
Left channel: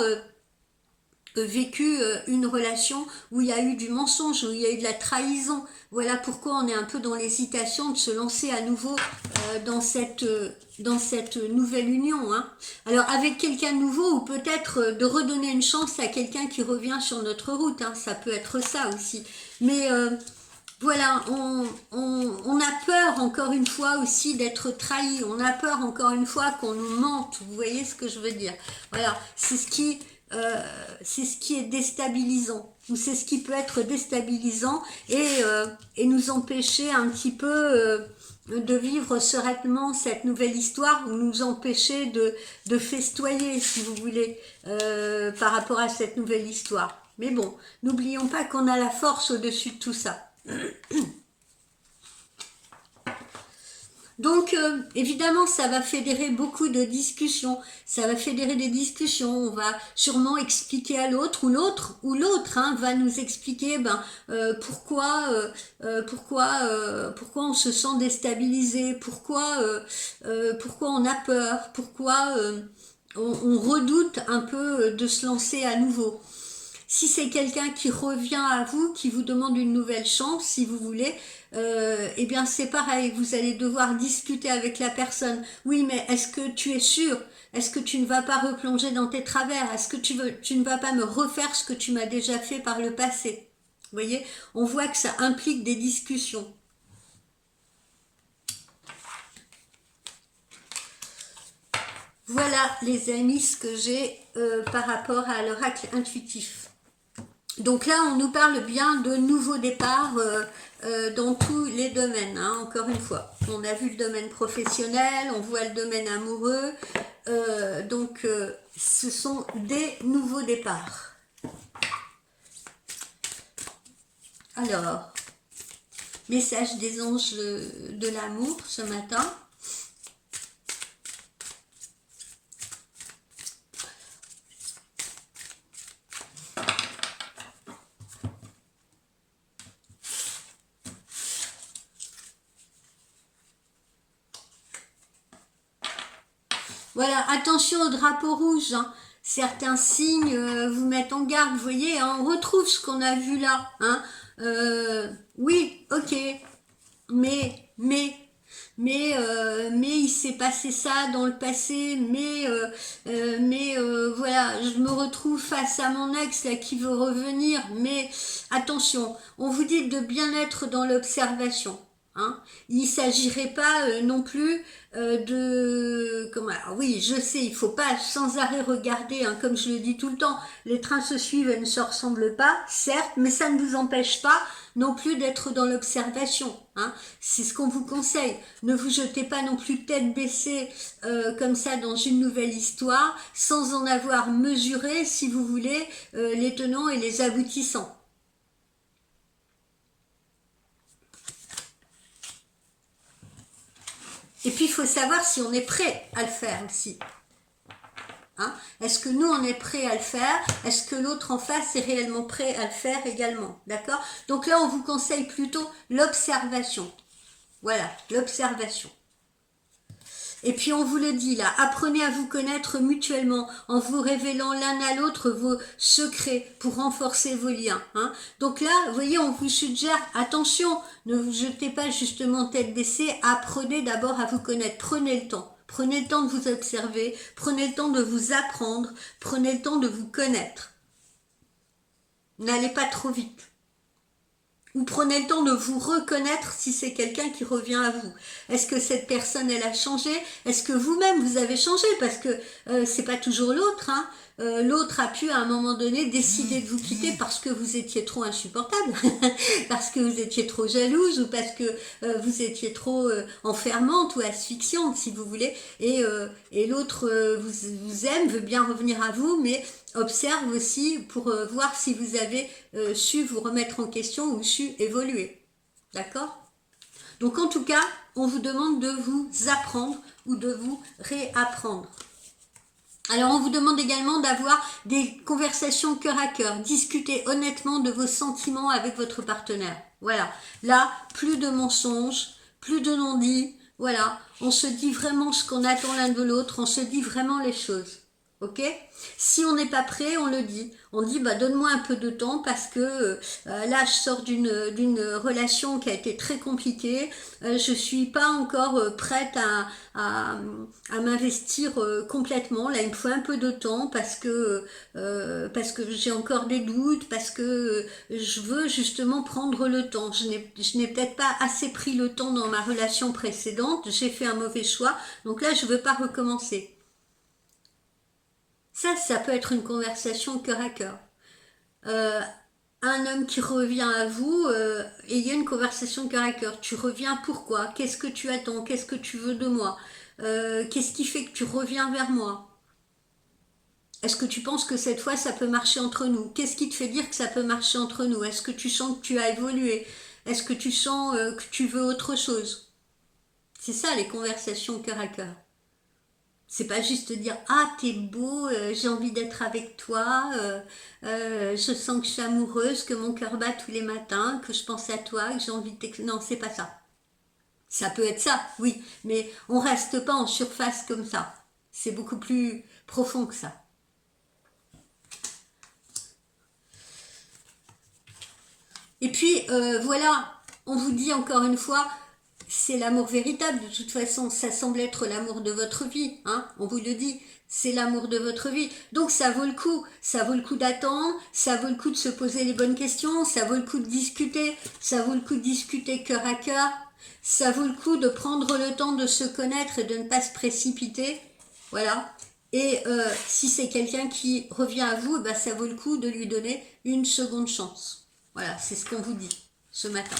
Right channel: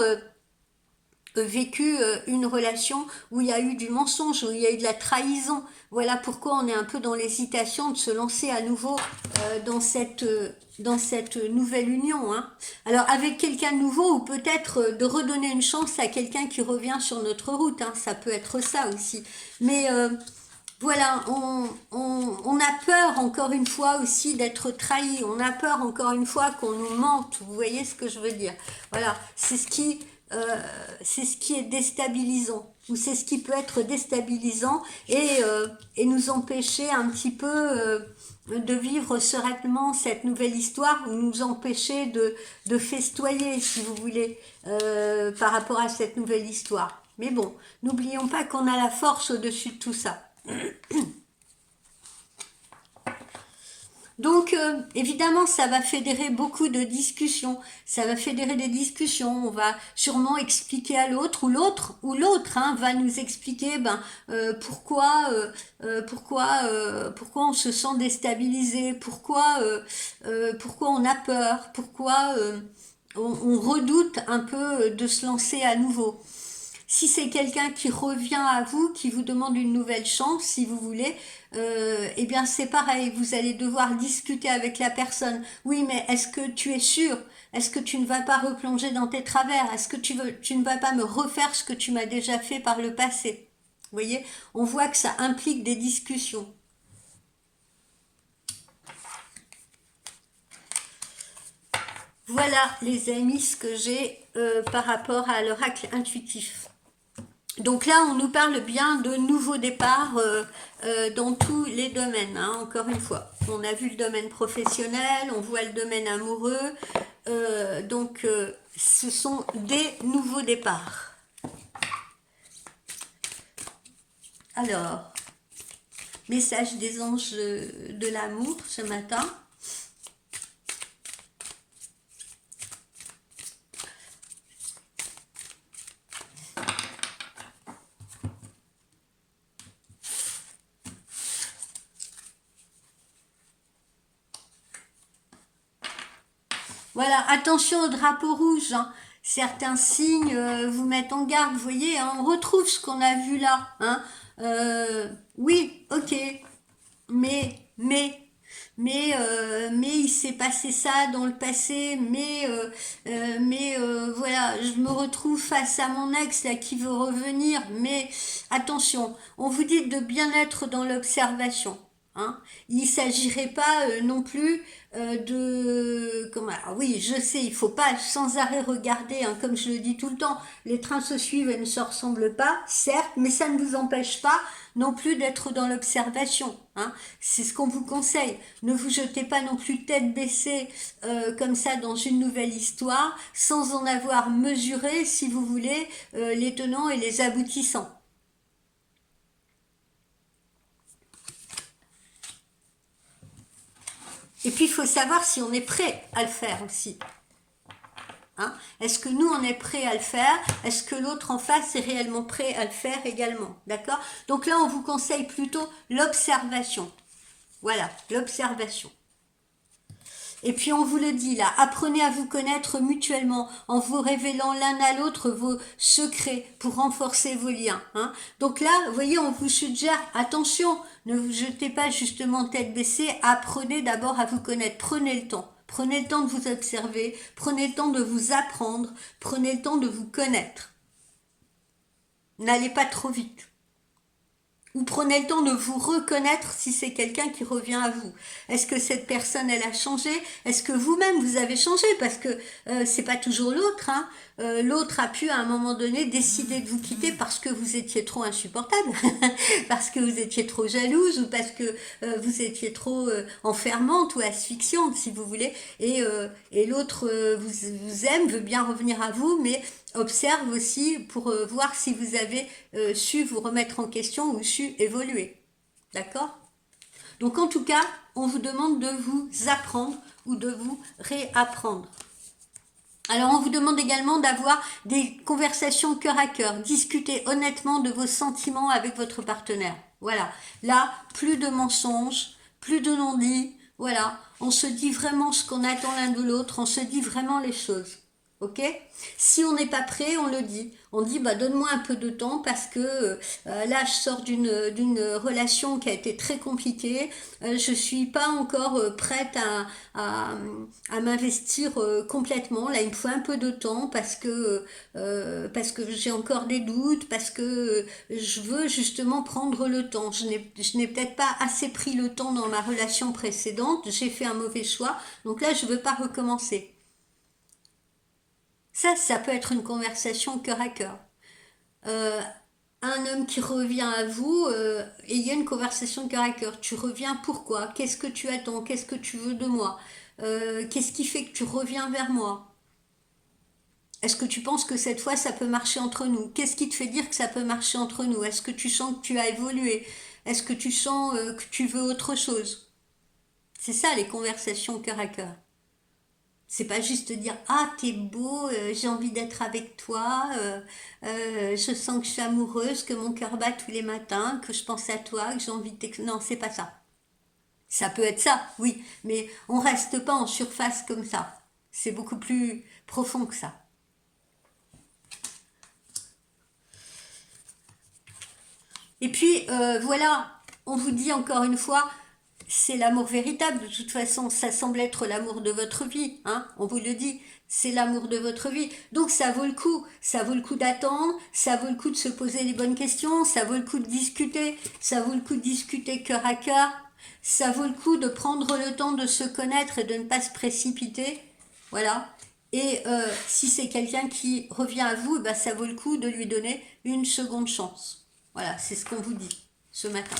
vécu une relation où il y a eu du mensonge, où il y a eu de la trahison. Voilà pourquoi on est un peu dans l'hésitation de se lancer à nouveau dans cette nouvelle union. Hein. Alors avec quelqu'un de nouveau ou peut-être de redonner une chance à quelqu'un qui revient sur notre route. Hein. Ça peut être ça aussi. Mais voilà, on a peur encore une fois aussi d'être trahi. On a peur encore une fois qu'on nous mente. Vous voyez ce que je veux dire? Voilà, c'est ce qui est déstabilisant, ou c'est ce qui peut être déstabilisant et nous empêcher un petit peu de vivre sereinement cette nouvelle histoire, ou nous empêcher de festoyer, si vous voulez, par rapport à cette nouvelle histoire. Mais bon, n'oublions pas qu'on a la force au-dessus de tout ça. Donc, évidemment, ça va fédérer beaucoup de discussions. Ça va fédérer des discussions. On va sûrement expliquer à l'autre, ou l'autre hein, va nous expliquer pourquoi on se sent déstabilisé, pourquoi on a peur, pourquoi on redoute un peu de se lancer à nouveau. Si c'est quelqu'un qui revient à vous, qui vous demande une nouvelle chance, si vous voulez, eh bien c'est pareil, vous allez devoir discuter avec la personne. Oui, mais est-ce que tu es sûr? Est-ce que tu ne vas pas replonger dans tes travers? Est-ce que tu ne vas pas me refaire ce que tu m'as déjà fait par le passé? Vous voyez, on voit que ça implique des discussions. Voilà les amis ce que j'ai par rapport à l'oracle intuitif. Donc là, on nous parle bien de nouveaux départs dans tous les domaines, hein, encore une fois. On a vu le domaine professionnel, on voit le domaine amoureux, ce sont des nouveaux départs. Alors, message des anges de l'amour ce matin. Voilà, attention au drapeau rouge, hein. Certains signes vous mettent en garde, vous voyez, hein, on retrouve ce qu'on a vu là. Hein. Oui, ok, mais, mais, mais il s'est passé ça dans le passé, voilà, je me retrouve face à mon ex là, qui veut revenir, mais attention, on vous dit de bien être dans l'observation. Hein. Il ne s'agirait pas non plus alors oui, je sais, il faut pas sans arrêt regarder, hein, comme je le dis tout le temps, les trains se suivent et ne se ressemblent pas, certes, mais ça ne vous empêche pas non plus d'être dans l'observation. Hein. C'est ce qu'on vous conseille. Ne vous jetez pas non plus tête baissée comme ça dans une nouvelle histoire, sans en avoir mesuré, si vous voulez, les tenants et les aboutissants. Et puis, il faut savoir si on est prêt à le faire aussi. Hein? Est-ce que nous, on est prêt à le faire? Est-ce que l'autre en face est réellement prêt à le faire également? D'accord? Donc là, on vous conseille plutôt l'observation. Voilà, l'observation. Et puis on vous le dit là, apprenez à vous connaître mutuellement en vous révélant l'un à l'autre vos secrets pour renforcer vos liens. Hein. Donc là, vous voyez, on vous suggère, attention, ne vous jetez pas justement tête baissée, apprenez d'abord à vous connaître, prenez le temps. Prenez le temps de vous observer, prenez le temps de vous apprendre, prenez le temps de vous connaître. N'allez pas trop vite. Ou prenez le temps de vous reconnaître si c'est quelqu'un qui revient à vous. Est-ce que cette personne, elle a changé? Est-ce que vous-même, vous avez changé? Parce que c'est pas toujours l'autre. Hein. L'autre a pu, à un moment donné, décider de vous quitter parce que vous étiez trop insupportable, parce que vous étiez trop jalouse, ou parce que vous étiez trop enfermante ou asphyxiante, si vous voulez. Et l'autre vous aime, veut bien revenir à vous, mais observe aussi pour voir si vous avez su vous remettre en question ou su évoluer. D'accord? Donc en tout cas, on vous demande de vous apprendre ou de vous réapprendre. Alors on vous demande également d'avoir des conversations cœur à cœur, discuter honnêtement de vos sentiments avec votre partenaire. Voilà, là, plus de mensonges, plus de non-dits, voilà, on se dit vraiment ce qu'on attend l'un de l'autre, on se dit vraiment les choses. Ok? Si on n'est pas prêt, on le dit. On dit donne-moi un peu de temps parce que là je sors d'une relation qui a été très compliquée. Je suis pas encore prête à m'investir complètement. Là il me faut un peu de temps parce que j'ai encore des doutes, parce que je veux justement prendre le temps. Je n'ai peut-être pas assez pris le temps dans ma relation précédente. J'ai fait un mauvais choix. Donc là je veux pas recommencer. Ça peut être une conversation cœur à cœur. Un homme qui revient à vous, ayez une conversation cœur à cœur. Tu reviens pourquoi? Qu'est-ce que tu attends? Qu'est-ce que tu veux de moi? Qu'est-ce qui fait que tu reviens vers moi? Est-ce que tu penses que cette fois ça peut marcher entre nous? Qu'est-ce qui te fait dire que ça peut marcher entre nous? Est-ce que tu sens que tu as évolué? Est-ce que tu sens que tu veux autre chose? C'est ça les conversations cœur à cœur. C'est pas juste dire ah t'es beau, j'ai envie d'être avec toi, je sens que je suis amoureuse, que mon cœur bat tous les matins, que je pense à toi, que j'ai envie de non, c'est pas ça. Ça peut être ça, oui, mais on reste pas en surface comme ça. C'est beaucoup plus profond que ça. Et puis voilà, on vous dit encore une fois, c'est l'amour véritable. De toute façon, ça semble être l'amour de votre vie, hein, on vous le dit. C'est l'amour de votre vie. Donc ça vaut le coup d'attendre, ça vaut le coup de se poser les bonnes questions, ça vaut le coup de discuter, ça vaut le coup de discuter cœur à cœur, ça vaut le coup de prendre le temps de se connaître et de ne pas se précipiter. Voilà. Et si c'est quelqu'un qui revient à vous, ben, ça vaut le coup de lui donner une seconde chance. Voilà, c'est ce qu'on vous dit ce matin.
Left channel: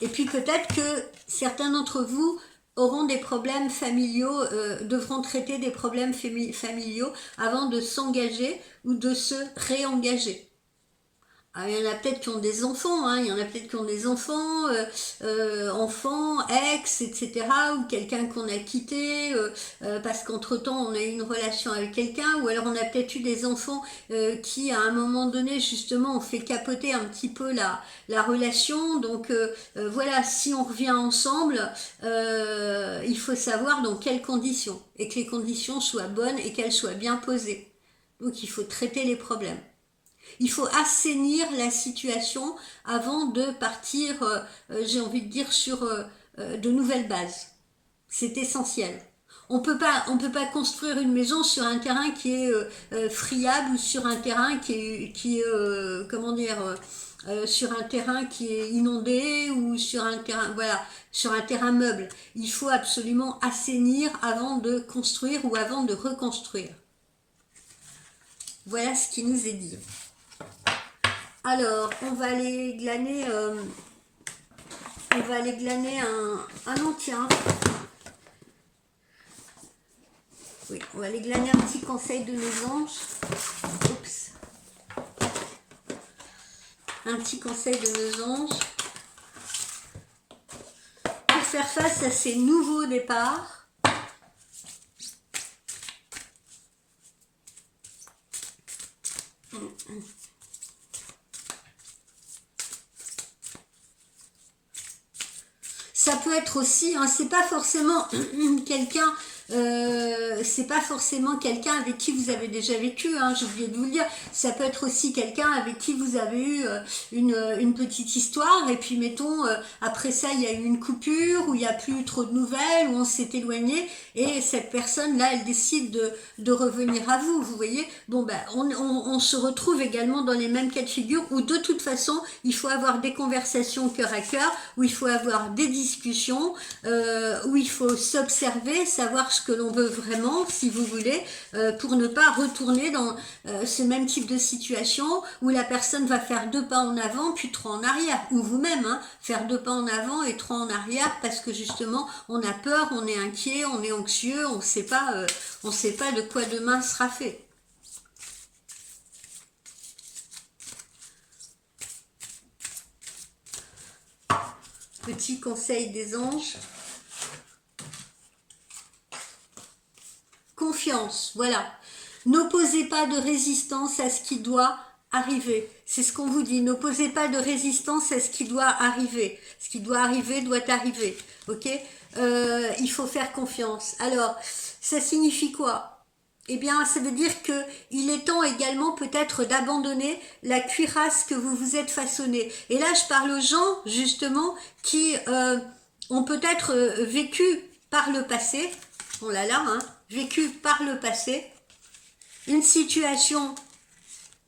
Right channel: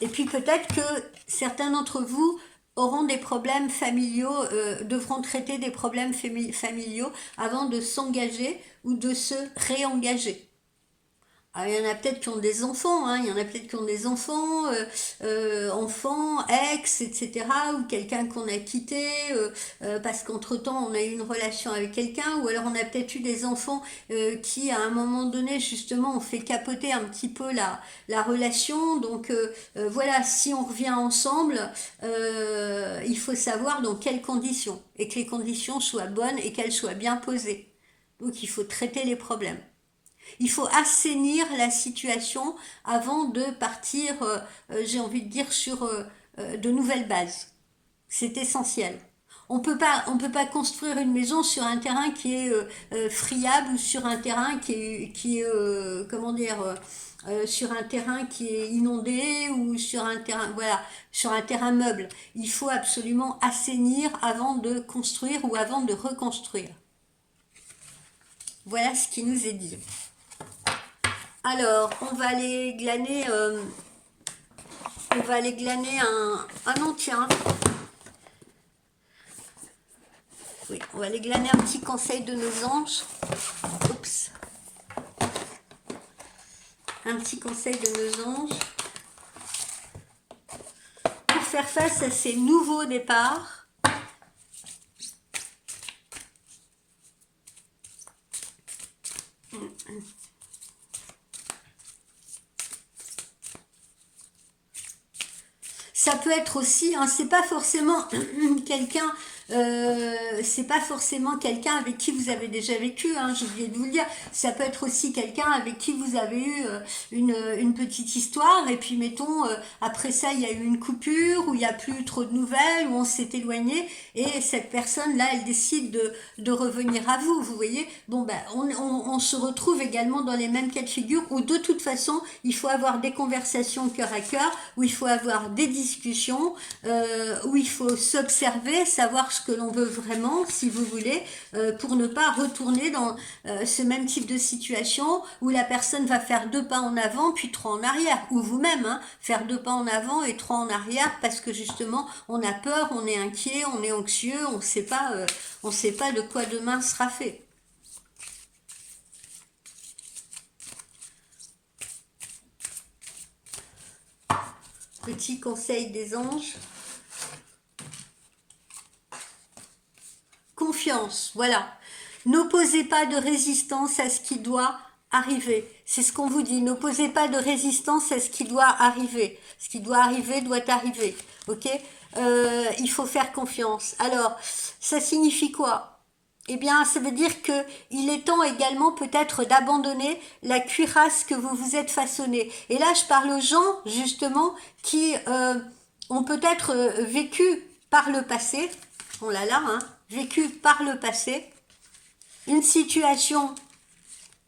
Et puis peut-être que certains d'entre vous auront des problèmes familiaux, devront traiter des problèmes familiaux avant de s'engager ou de se réengager. Ah, il y en a peut-être qui ont des enfants, hein, il y en a peut-être qui ont des enfants, enfants, ex, etc. Ou quelqu'un qu'on a quitté parce qu'entre-temps on a eu une relation avec quelqu'un, ou alors on a peut-être eu des enfants qui à un moment donné justement ont fait capoter un petit peu la relation. Donc voilà, si on revient ensemble, il faut savoir dans quelles conditions, et que les conditions soient bonnes et qu'elles soient bien posées. Donc il faut traiter les problèmes. Il faut assainir la situation avant de partir, j'ai envie de dire, sur de nouvelles bases. C'est essentiel. On peut pas construire une maison sur un terrain qui est friable, ou sur un terrain qui est comment dire, sur un terrain qui est inondé, ou sur un terrain, voilà, sur un terrain meuble. Il faut absolument assainir avant de construire ou avant de reconstruire. Voilà ce qui nous est dit. Alors, on va aller glaner un entien. Oui, on va aller glaner un petit conseil de nos anges. Oups. Un petit conseil de nos anges. Pour faire face à ces nouveaux départs. Ça peut être aussi, hein, c'est pas forcément quelqu'un, c'est pas forcément quelqu'un avec qui vous avez déjà vécu, hein, j'ai oublié de vous le dire. Ça peut être aussi quelqu'un avec qui vous avez eu une petite histoire, et puis mettons après ça il y a eu une coupure, où il n'y a plus trop de nouvelles, où on s'est éloigné, et cette personne là elle décide de revenir à vous, vous voyez. Bon ben on se retrouve également dans les mêmes cas de figure, où de toute façon il faut avoir des conversations cœur à cœur, où il faut avoir des discussions, où il faut s'observer, savoir ce que l'on veut vraiment, si vous voulez, pour ne pas retourner dans ce même type de situation où la personne va faire 2 pas en avant puis 3 en arrière, ou vous-même, hein, faire 2 pas en avant et 3 en arrière, parce que justement on a peur, on est inquiet, on est anxieux, on sait pas de quoi demain sera fait. Petit conseil des anges. Confiance, voilà. N'opposez pas de résistance à ce qui doit arriver. C'est ce qu'on vous dit. N'opposez pas de résistance à ce qui doit arriver. Ce qui doit arriver doit arriver. Ok, il faut faire confiance. Alors, ça signifie quoi? Eh bien, ça veut dire que il est temps également peut-être d'abandonner la cuirasse que vous vous êtes façonnée. Et là, je parle aux gens justement qui ont peut-être vécu par le passé. Oh là là, hein, vécu par le passé une situation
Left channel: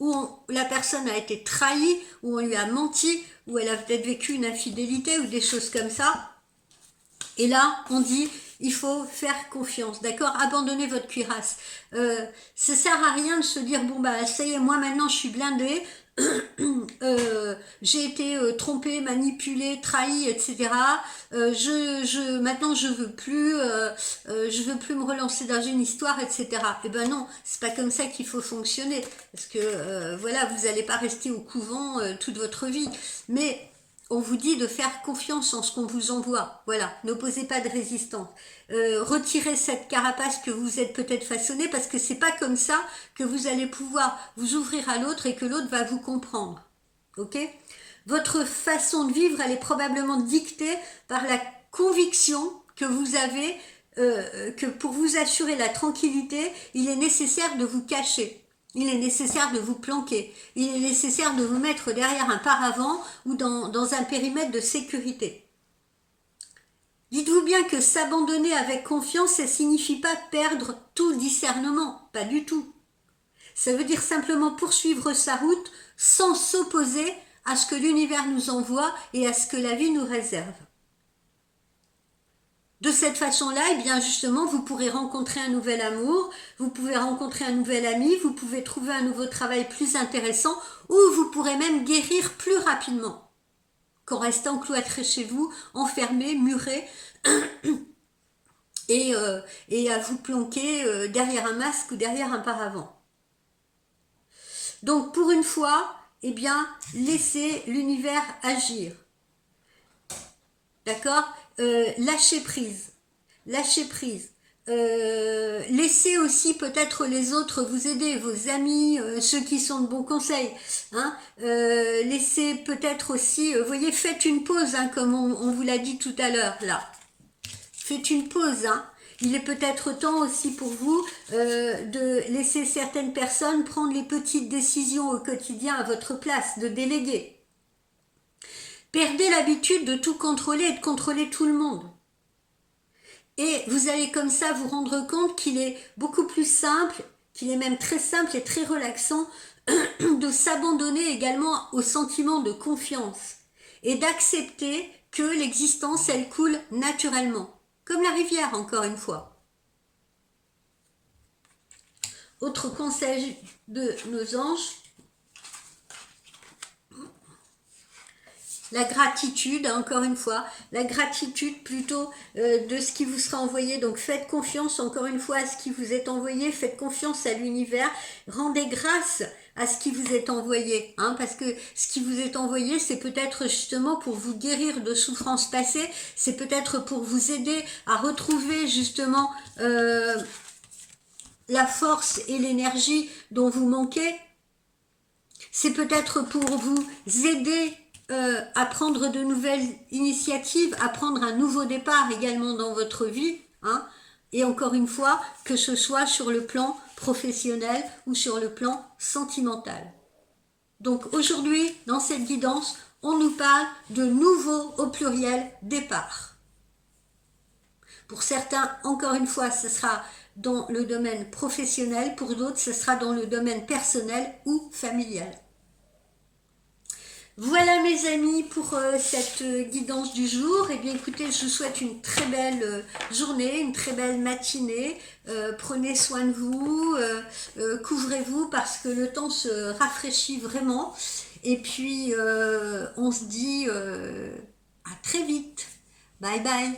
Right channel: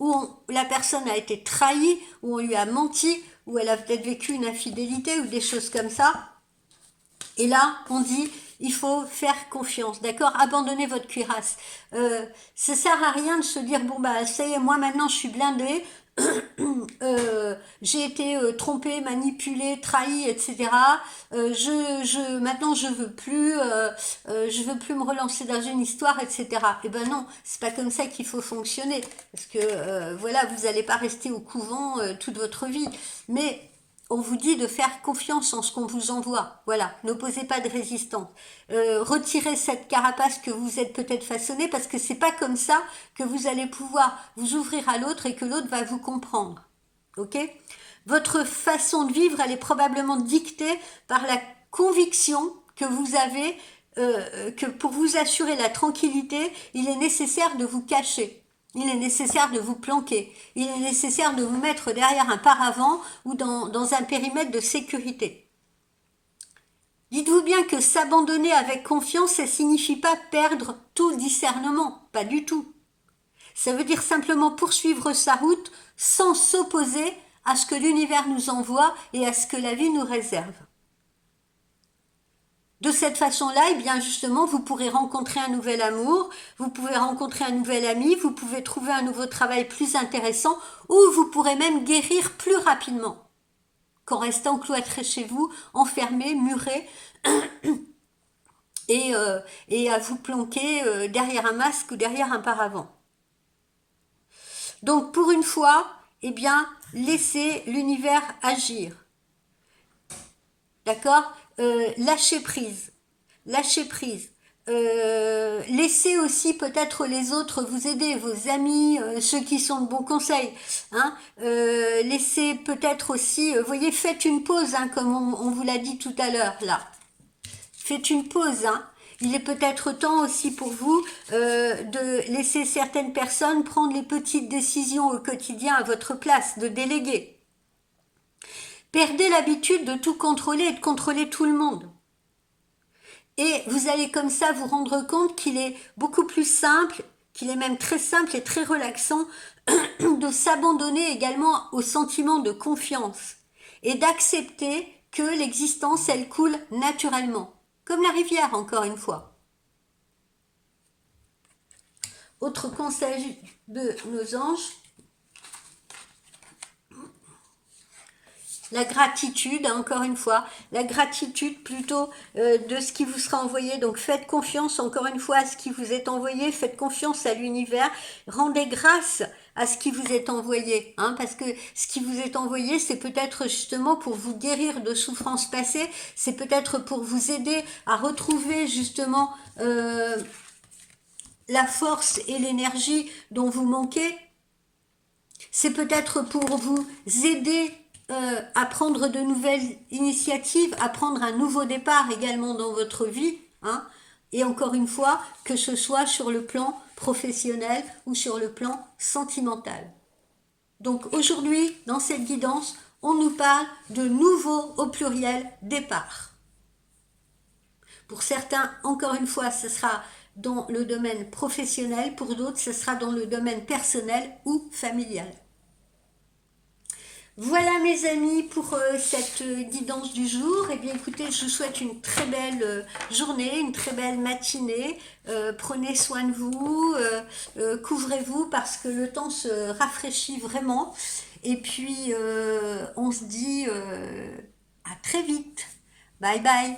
où la personne a été trahie, où on lui a menti, où elle a peut-être vécu une infidélité ou des choses comme ça. Et là, on dit, il faut faire confiance, d'accord? Abandonnez votre cuirasse. Ça sert à rien de se dire, bon bah ça y est, moi maintenant je suis blindée, j'ai été trompée, manipulée, trahie, etc. Maintenant je veux plus me relancer dans une histoire, etc. Eh ben non, c'est pas comme ça qu'il faut fonctionner, parce que voilà, vous n'allez pas rester au couvent toute votre vie, mais on vous dit de faire confiance en ce qu'on vous envoie. Voilà, n'opposez pas de résistance. Retirez cette carapace que vous êtes peut-être façonnée, parce que c'est pas comme ça que vous allez pouvoir vous ouvrir à l'autre et que l'autre va vous comprendre. Ok? Votre façon de vivre, elle est probablement dictée par la conviction que vous avez que pour vous assurer la tranquillité, il est nécessaire de vous cacher. Il est nécessaire de vous planquer. Il est nécessaire de vous mettre derrière un paravent ou dans un périmètre de sécurité. Dites-vous bien que s'abandonner avec confiance, ça ne signifie pas perdre tout discernement. Pas du tout. Ça veut dire simplement poursuivre sa route sans s'opposer à ce que l'univers nous envoie et à ce que la vie nous réserve. De cette façon-là, eh bien justement, vous pourrez rencontrer un nouvel amour, vous pouvez rencontrer un nouvel ami, vous pouvez trouver un nouveau travail plus intéressant, ou vous pourrez même guérir plus rapidement qu'en restant cloîtré chez vous, enfermé, muré, et à vous planquer derrière un masque ou derrière un paravent. Donc pour une fois, eh bien, laissez l'univers agir. D'accord? Lâchez prise. Lâchez prise. Laissez aussi peut-être les autres vous aider, vos amis, ceux qui sont de bons conseils. Hein. Laissez peut-être aussi, voyez, faites une pause, hein, comme on vous l'a dit tout à l'heure, là. Faites une pause, hein. Il est peut-être temps aussi pour vous de laisser certaines personnes prendre les petites décisions au quotidien à votre place, de déléguer. Perdez l'habitude de tout contrôler et de contrôler tout le monde. Et vous allez comme ça vous rendre compte qu'il est beaucoup plus simple, qu'il est même très simple et très relaxant de s'abandonner également au sentiment de confiance et d'accepter que l'existence, elle coule naturellement. Comme la rivière, encore une fois. Autre conseil de nos anges, la gratitude, encore une fois, la gratitude plutôt de ce qui vous sera envoyé. Donc faites confiance encore une fois à ce qui vous est envoyé, faites confiance à l'univers, rendez grâce à ce qui vous est envoyé, hein, parce que ce qui vous est envoyé, c'est peut-être justement pour vous guérir de souffrances passées, c'est peut-être pour vous aider à retrouver justement la force et l'énergie dont vous manquez, c'est peut-être pour vous aider à prendre de nouvelles initiatives, à prendre un nouveau départ également dans votre vie, hein, et encore une fois, que ce soit sur le plan professionnel ou sur le plan sentimental. Donc aujourd'hui, dans cette guidance, on nous parle de nouveaux au pluriel départ. Pour certains, encore une fois, ce sera dans le domaine professionnel, pour d'autres, ce sera dans le domaine personnel ou familial. Voilà mes amis pour cette guidance du jour. Et bien écoutez, je vous souhaite une très belle journée, une très belle matinée. Prenez soin de vous, couvrez-vous parce que le temps se rafraîchit vraiment. Et puis on se dit à très vite. Bye bye.